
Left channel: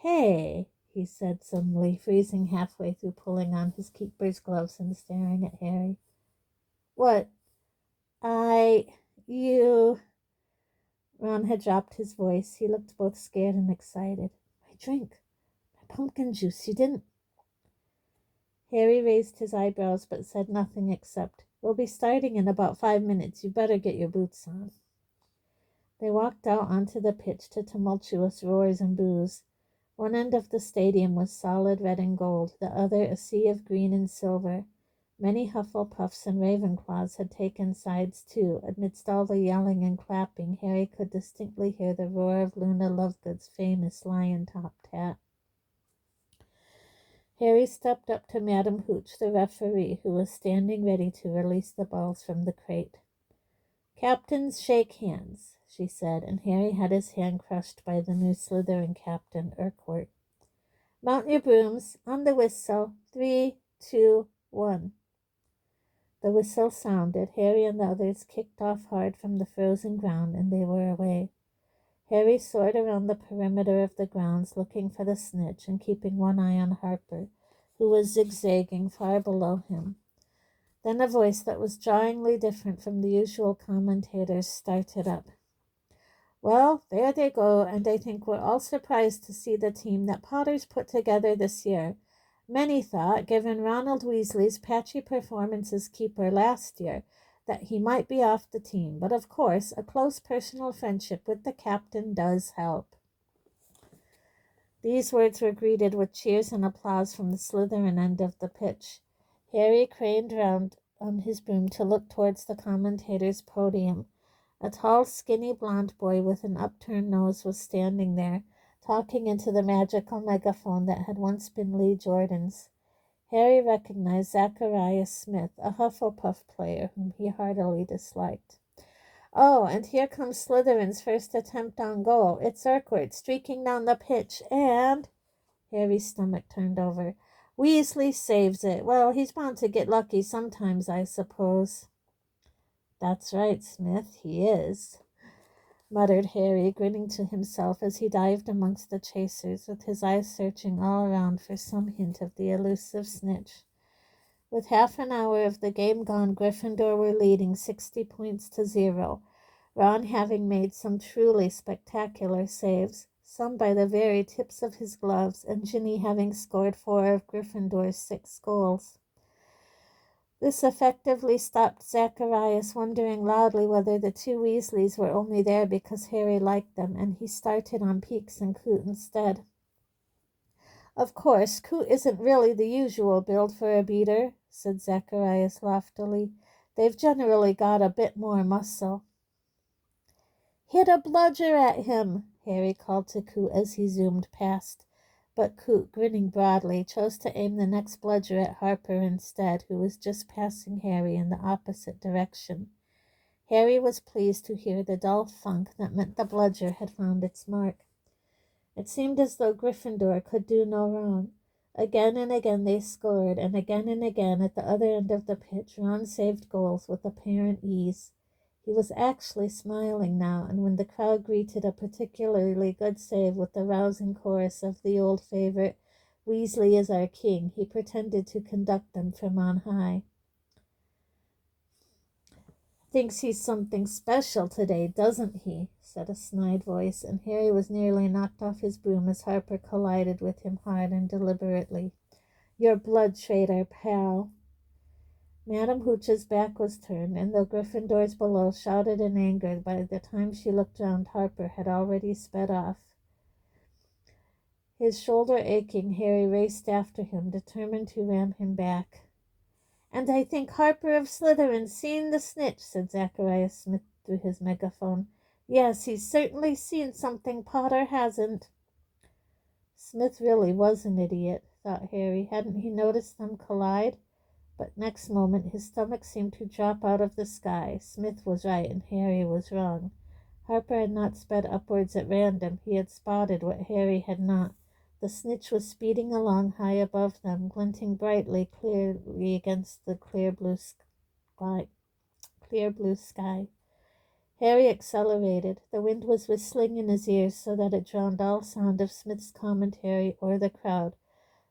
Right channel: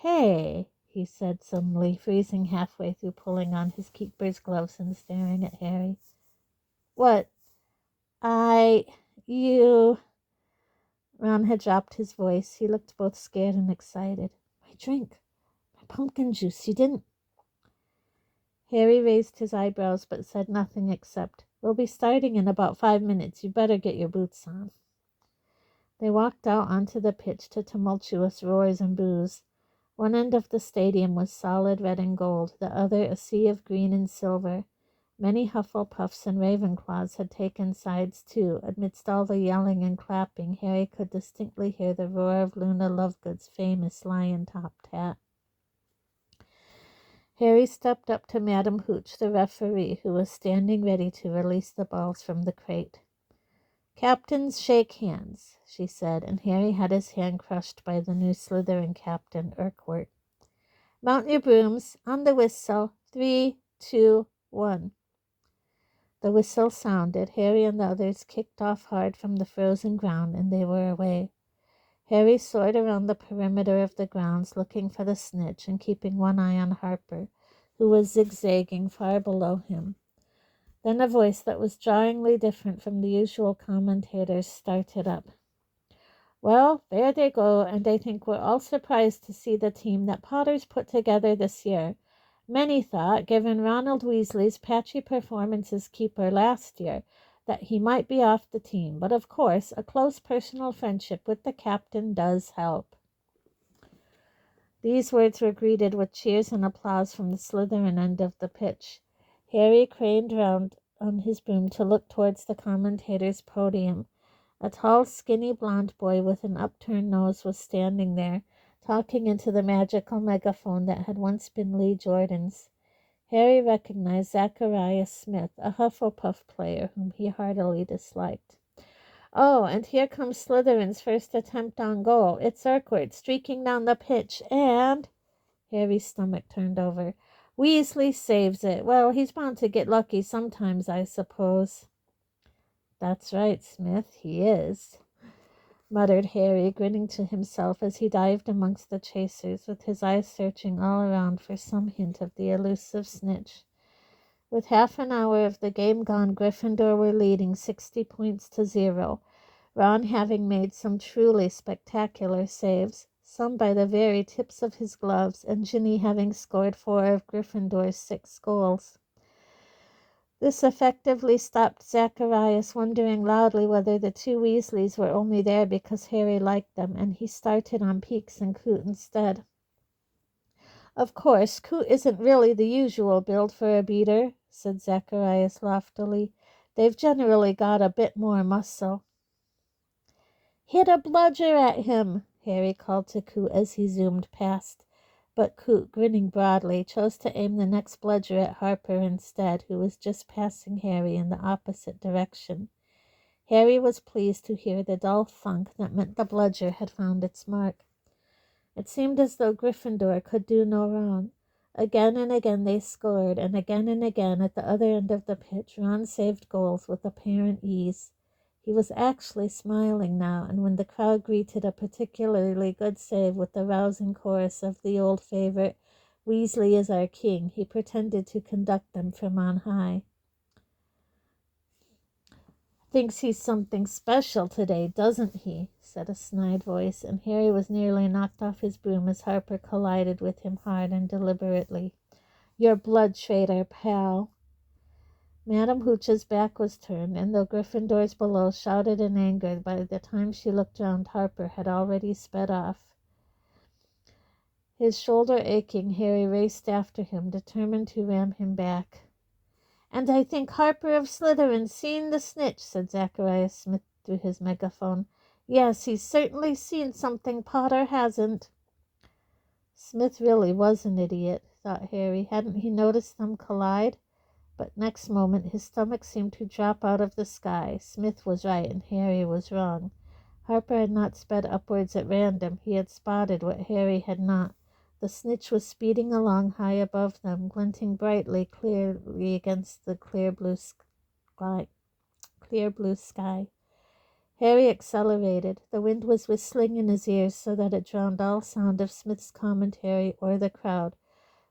"Hey," he said suddenly, freezing halfway through pulling on his keeper's gloves and staring at Harry. "What? You—" Ron had dropped his voice. He looked both scared and excited. "My drink. My pumpkin juice. You didn't—" Harry raised his eyebrows but said nothing except, "We'll be starting in about 5 minutes. You better get your boots on." They walked out onto the pitch to tumultuous roars and boos. One end of the stadium was solid red and gold, the other a sea of green and silver. Many Hufflepuffs and Ravenclaws had taken sides too. Amidst all the yelling and clapping, Harry could distinctly hear the roar of Luna Lovegood's famous lion-topped hat. Harry stepped up to Madam Hooch, the referee, who was standing ready to release the balls from the crate. "Captains, shake hands," she said, and Harry had his hand crushed by the new Slytherin captain, Urquhart. "Mount your brooms. On the whistle. 3, 2, 1. The whistle sounded. Harry and the others kicked off hard from the frozen ground, and they were away. Harry soared around the perimeter of the grounds, looking for the snitch and keeping one eye on Harper, who was zigzagging far below him. Then a voice that was jarringly different from the usual commentators started up. "Well, there they go, and I think we're all surprised to see the team that Potter's put together this year. Many thought, given Ronald Weasley's patchy performance as keeper last year, that he might be off the team, but of course a close personal friendship with the captain does help." These words were greeted with cheers and applause from the Slytherin end of the pitch. Harry craned round on his broom to look towards the commentator's podium. A tall, skinny blond boy with an upturned nose was standing there, talking into the magical megaphone that had once been Lee Jordan's. Harry recognized Zacharias Smith, a Hufflepuff player whom he heartily disliked. "Oh, and here comes Slytherin's first attempt on goal. It's Urquhart streaking down the pitch, and—" Harry's stomach turned over. "Weasley saves it. Well, he's bound to get lucky sometimes, I suppose." "That's right, Smith, he is," muttered Harry, grinning to himself as he dived amongst the chasers, with his eyes searching all around for some hint of the elusive snitch. With half an hour of the game gone, Gryffindor were leading 60 points to 0, Ron having made some truly spectacular saves, some by the very tips of his gloves, and Ginny having scored 4 of Gryffindor's 6 goals. This effectively stopped Zacharias wondering loudly whether the two Weasleys were only there because Harry liked them, and he started on Peeks and Coot instead. "Of course, Coot isn't really the usual build for a beater," said Zacharias loftily. "They've generally got a bit more muscle." "Hit a bludger at him," Harry called to Coot as he zoomed past. But Coot, grinning broadly, chose to aim the next bludger at Harper instead, who was just passing Harry in the opposite direction. Harry was pleased to hear the dull thunk that meant the bludger had found its mark. It seemed as though Gryffindor could do no wrong. Again and again they scored, and again at the other end of the pitch Ron saved goals with apparent ease. He was actually smiling now, and when the crowd greeted a particularly good save with the rousing chorus of the old favorite, "Weasley is our king," he pretended to conduct them from on high. "Thinks he's something special today, doesn't he?" said a snide voice, and Harry was nearly knocked off his broom as Harper collided with him hard and deliberately. "Your blood traitor, pal." Madam Hooch's back was turned, and though Gryffindors below shouted in anger, by the time she looked round, Harper had already sped off. His shoulder aching, Harry raced after him, determined to ram him back. "And I think Harper of Slytherin's seen the snitch," said Zacharias Smith through his megaphone. "Yes, he's certainly seen something Potter hasn't." Smith really was an idiot, thought Harry. Hadn't he noticed them collide? But next moment his stomach seemed to drop out of the sky. Smith was right and Harry was wrong. Harper had not sped upwards at random. He had spotted what Harry had not. The snitch was speeding along high above them, glinting brightly, clearly against the clear blue sky. Harry accelerated. The wind was whistling in his ears so that it drowned all sound of Smith's commentary or the crowd.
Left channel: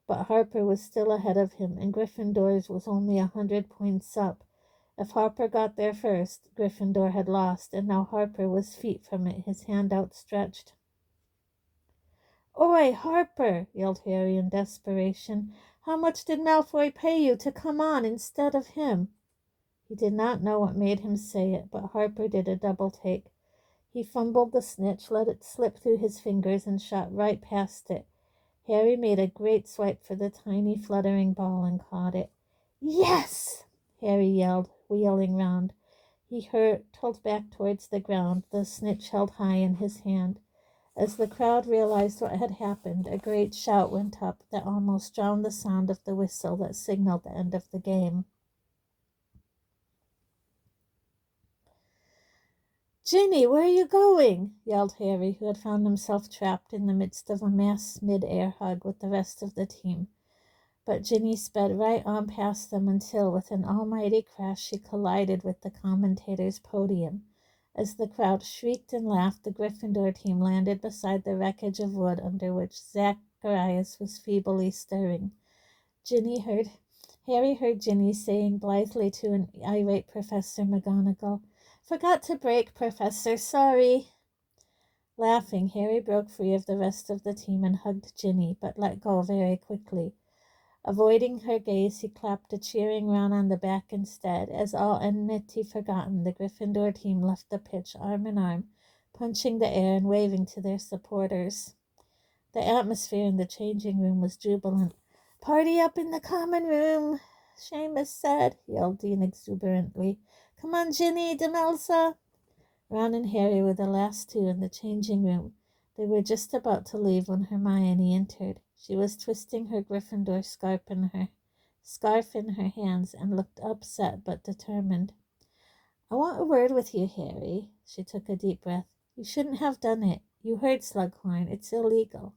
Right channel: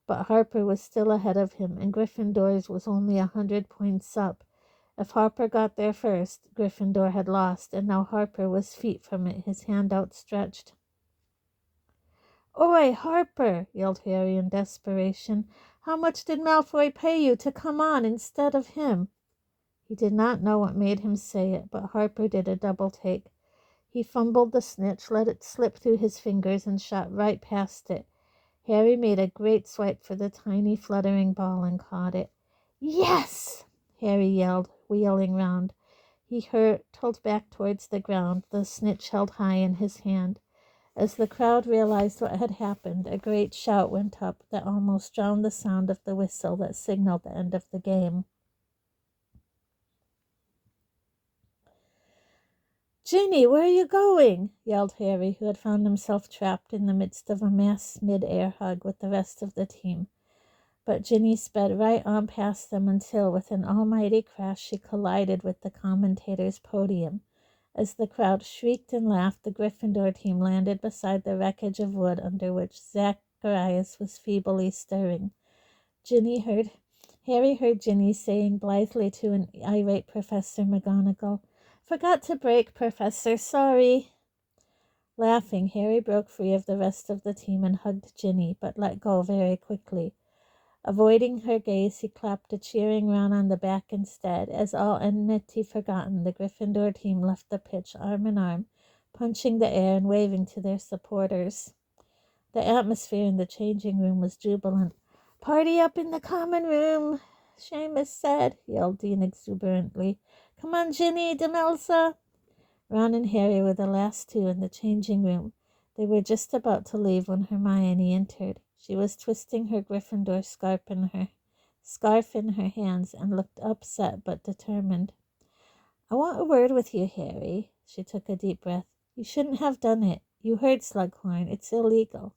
But Harper was still ahead of him, and Gryffindor's was only 100 points up. If Harper got there first, Gryffindor had lost, and now Harper was feet from it, his hand outstretched. "Oi, Harper!" yelled Harry in desperation. "How much did Malfoy pay you to come on instead of him?" He did not know what made him say it, but Harper did a double take. He fumbled the snitch, let it slip through his fingers, and shot right past it. Harry made a great swipe for the tiny fluttering ball and caught it. "Yes!" Harry yelled, wheeling round. He hurtled back towards the ground, the snitch held high in his hand. As the crowd realized what had happened, a great shout went up that almost drowned the sound of the whistle that signaled the end of the game. "Ginny, where are you going?" yelled Harry, who had found himself trapped in the midst of a mass mid-air hug with the rest of the team. But Ginny sped right on past them until, with an almighty crash, she collided with the commentator's podium. As the crowd shrieked and laughed, the Gryffindor team landed beside the wreckage of wood under which Zacharias was feebly stirring. Harry heard Ginny saying blithely to an irate Professor McGonagall, "Forgot to break, Professor, sorry." Laughing, Harry broke free of the rest of the team and hugged Ginny, but let go very quickly. Avoiding her gaze, he clapped a cheering Ron on the back instead. As all enmity forgotten, the Gryffindor team left the pitch arm in arm, punching the air and waving to their supporters. The atmosphere in the changing room was jubilant. "Party up in the common room," Seamus said, yelled Dean exuberantly. Come on, Ginny, Demelza. Ron and Harry were the last two in the changing room. They were just about to leave when Hermione entered. She was twisting her Gryffindor scarf in her hands and looked upset but determined. I want a word with you, Harry. She took a deep breath. You shouldn't have done it. You heard Slughorn. It's illegal.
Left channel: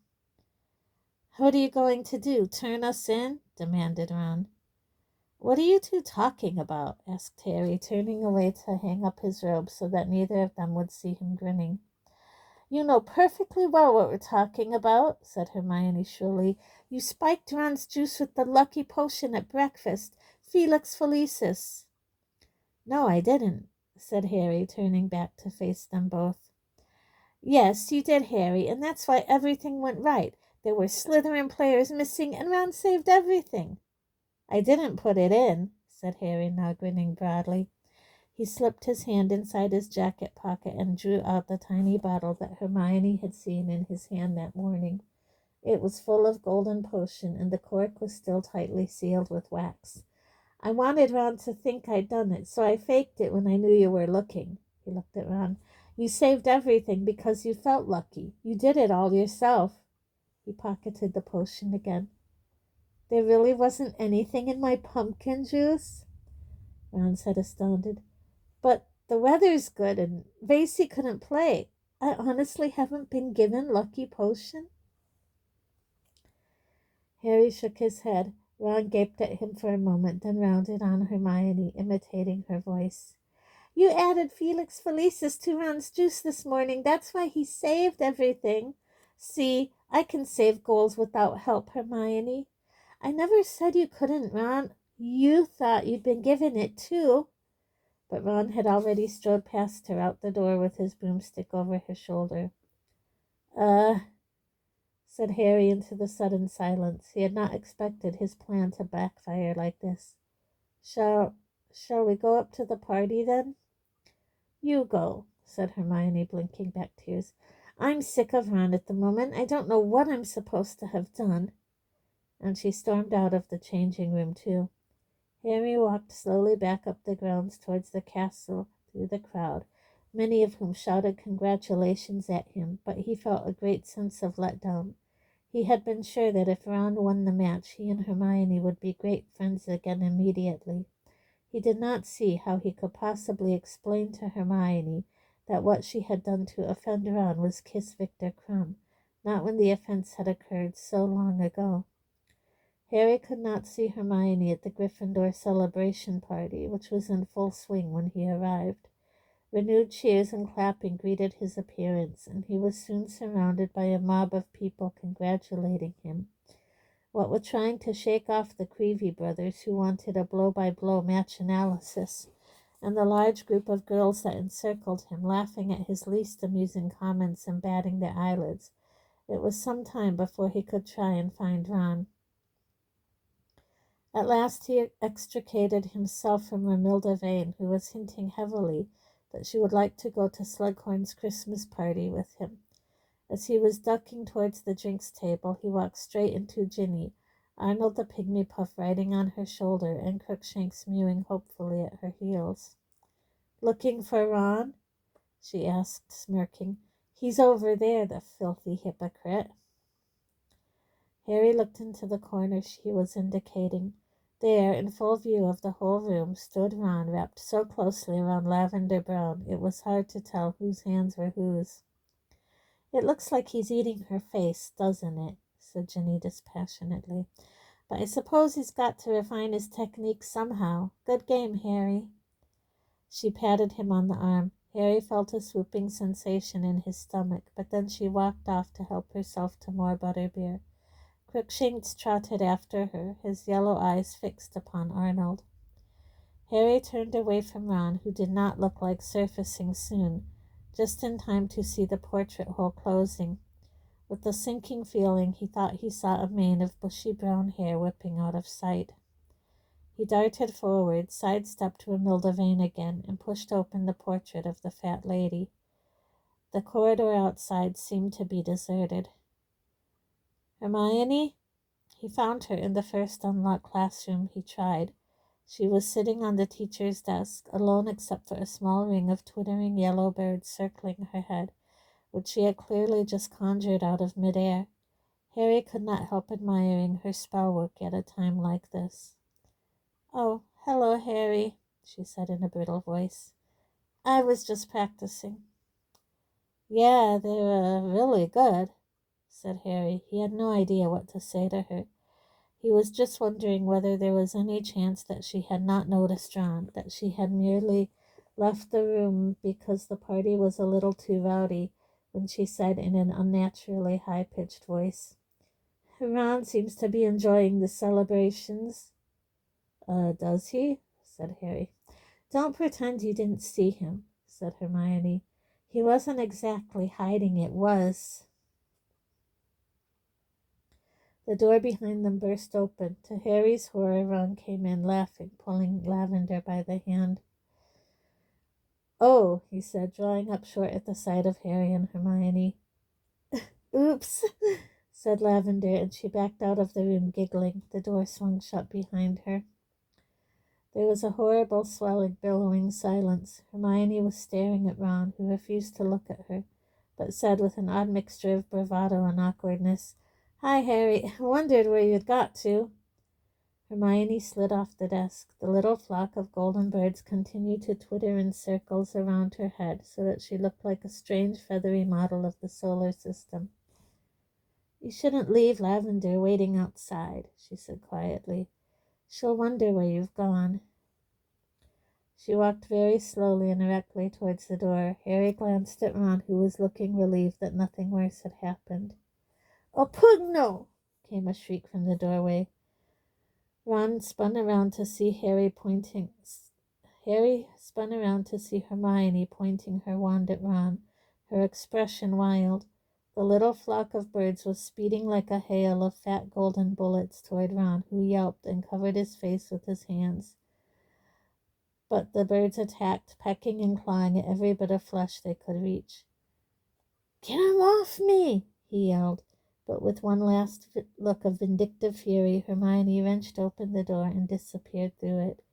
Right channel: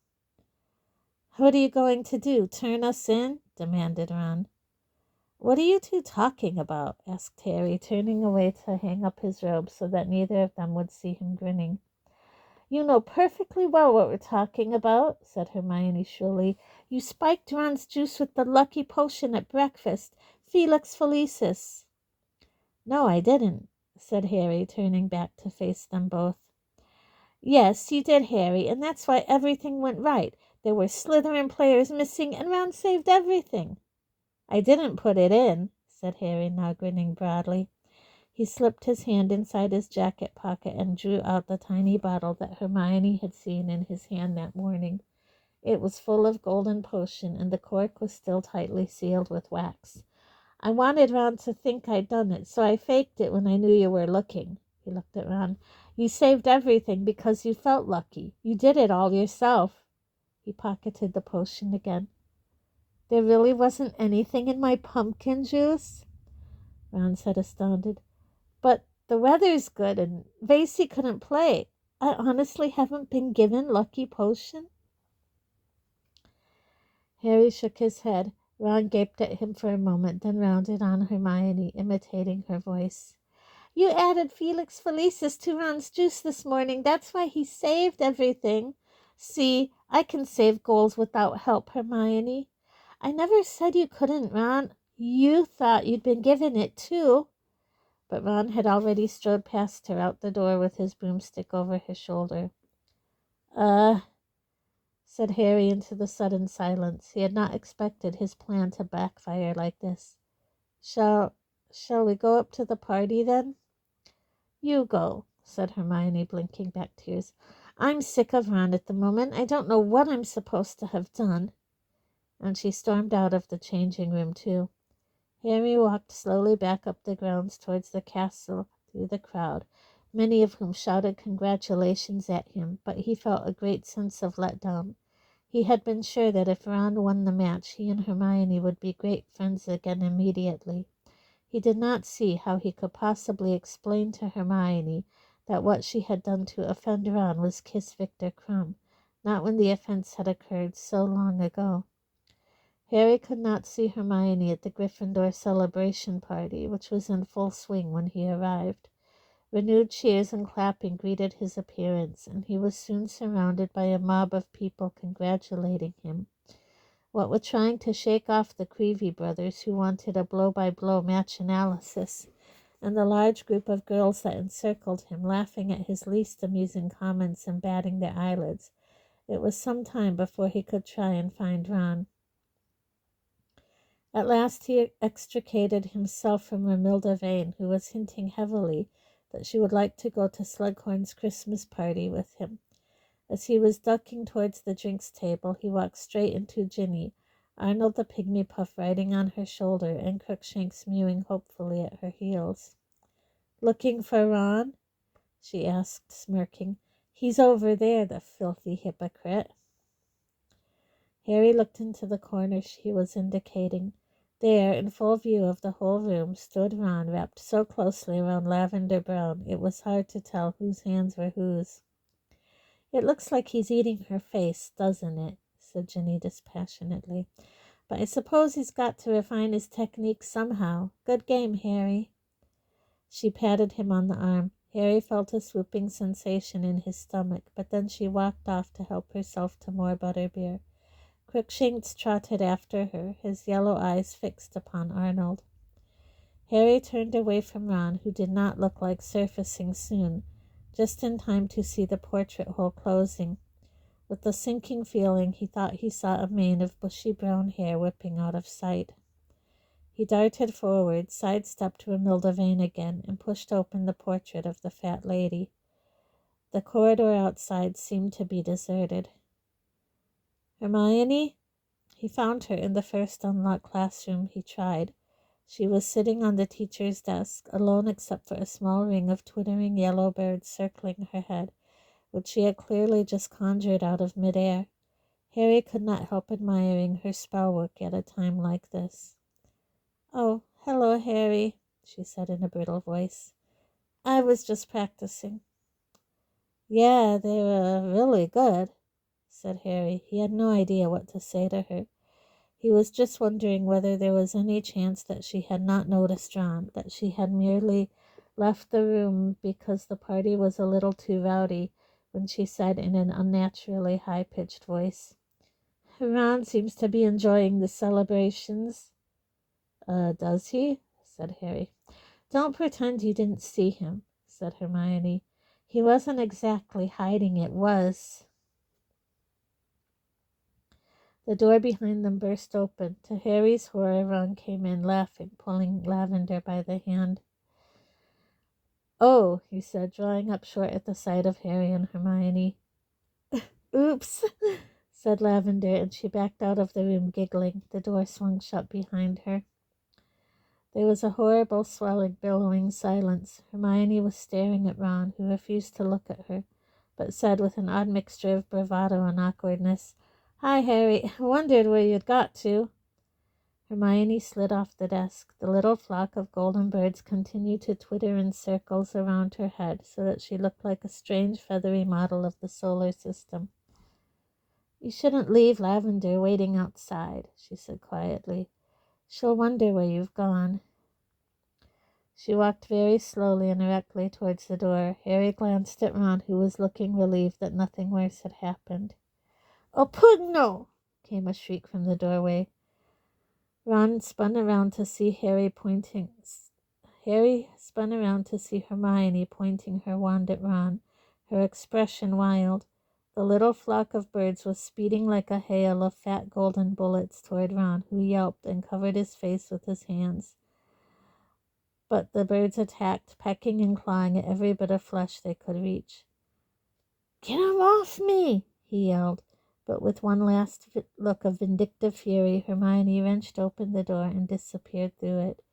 What are you going to do? Turn us in? Demanded Ron. What are you two talking about? Asked Harry, turning away to hang up his robe so that neither of them would see him grinning. You know perfectly well what we're talking about, said Hermione shrilly. You spiked Ron's juice with the lucky potion at breakfast. Felix Felicis. No, I didn't, said Harry, turning back to face them both. Yes, you did, Harry, and that's why everything went right. There were Slytherin players missing, and Ron saved everything. I didn't put it in, said Harry, now grinning broadly. He slipped his hand inside his jacket pocket and drew out the tiny bottle that Hermione had seen in his hand that morning. It was full of golden potion, and the cork was still tightly sealed with wax. I wanted Ron to think I'd done it, so I faked it when I knew you were looking. He looked at Ron. You saved everything because you felt lucky. You did it all yourself. He pocketed the potion again. There really wasn't anything in my pumpkin juice? Ron said, astounded. But the weather's good, and Vasey couldn't play. I honestly haven't been given lucky potion. Harry shook his head. Ron gaped at him for a moment, then rounded on Hermione, imitating her voice. You added Felix Felicis to Ron's juice this morning. That's why he saved everything. See, I can save goals without help, Hermione. I never said you couldn't, Ron. You thought you'd been given it, too. But Ron had already strode past her out the door with his broomstick over his shoulder. Said Harry into the sudden silence. He had not expected his plan to backfire like this. Shall we go up to the party, then? You go, said Hermione, blinking back tears. I'm sick of Ron at the moment. I don't know what I'm supposed to have done. And she stormed out of the changing room, too. Harry walked slowly back up the grounds towards the castle through the crowd, many of whom shouted congratulations at him, but he felt a great sense of letdown. He had been sure that if Ron won the match, he and Hermione would be great friends again immediately. He did not see how he could possibly explain to Hermione that what she had done to offend Ron was kiss Victor Crumb, not when the offense had occurred so long ago. Harry could not see Hermione at the Gryffindor celebration party, which was in full swing when he arrived. Renewed cheers and clapping greeted his appearance, and he was soon surrounded by a mob of people congratulating him. What with trying to shake off the Creevy brothers, who wanted a blow-by-blow match analysis, and the large group of girls that encircled him, laughing at his least amusing comments and batting their eyelids, it was some time before he could try and find Ron. At last he extricated himself from Romilda Vane, who was hinting heavily that she would like to go to Slughorn's Christmas party with him. As he was ducking towards the drinks table, he walked straight into Ginny, Arnold the pygmy puff riding on her shoulder, and Crookshanks mewing hopefully at her heels. Looking for Ron? She asked, smirking. He's over there, the filthy hypocrite. Harry looked into the corner she was indicating. There, in full view of the whole room, stood Ron, wrapped so closely around Lavender Brown it was hard to tell whose hands were whose. It looks like he's eating her face, doesn't it? Said Ginny dispassionately. But I suppose he's got to refine his technique somehow. Good game, Harry. She patted him on the arm. Harry felt a swooping sensation in his stomach, but then she walked off to help herself to more butterbeer. Crookshanks trotted after her, his yellow eyes fixed upon Arnold. Harry turned away from Ron, who did not look like surfacing soon, just in time to see the portrait hole closing. With a sinking feeling, he thought he saw a mane of bushy brown hair whipping out of sight. He darted forward, sidestepped Romilda Vane again, and pushed open the portrait of the fat lady. The corridor outside seemed to be deserted. Hermione? He found her in the first unlocked classroom he tried. She was sitting on the teacher's desk, alone except for a small ring of twittering yellow birds circling her head, which she had clearly just conjured out of midair. Harry could not help admiring her spell work at a time like this. "Oh, hello, Harry," she said in a brittle voice. "I was just practicing." "Yeah, they're really good," said Harry. He had no idea what to say to her. He was just wondering whether there was any chance that she had not noticed Ron, that she had merely left the room because the party was a little too rowdy, when she said in an unnaturally high-pitched voice, "Ron seems to be enjoying the celebrations." Does he?" said Harry. "Don't pretend you didn't see him," said Hermione. "He wasn't exactly hiding it, was." The door behind them burst open. To Harry's horror, Ron came in, laughing, pulling Lavender by the hand. "Oh," he said, drawing up short at the sight of Harry and Hermione. "Oops," said Lavender, and she backed out of the room, giggling. The door swung shut behind her. There was a horrible, swelling, billowing silence. Hermione was staring at Ron, who refused to look at her, but said with an odd mixture of bravado and awkwardness, "Hi, Harry. Wondered where you'd got to." Hermione slid off the desk. The little flock of golden birds continued to twitter in circles around her head, so that she looked like a strange feathery model of the solar system. "You shouldn't leave Lavender waiting outside," she said quietly. "She'll wonder where you've gone." She walked very slowly and erectly towards the door. Harry glanced at Ron, who was looking relieved that nothing worse had happened. "Oh, Pugno!" came a shriek from the doorway. Ron spun around to see Harry spun around to see Hermione pointing her wand at Ron, her expression wild. The little flock of birds was speeding like a hail of fat golden bullets toward Ron, who yelped and covered his face with his hands. But the birds attacked, pecking and clawing at every bit of flesh they could reach. "Get 'em off me!" he yelled. But with one last look of vindictive fury, Hermione wrenched open the door and disappeared through it.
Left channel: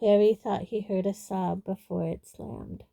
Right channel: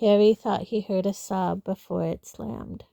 Harry thought he heard a sob before it slammed.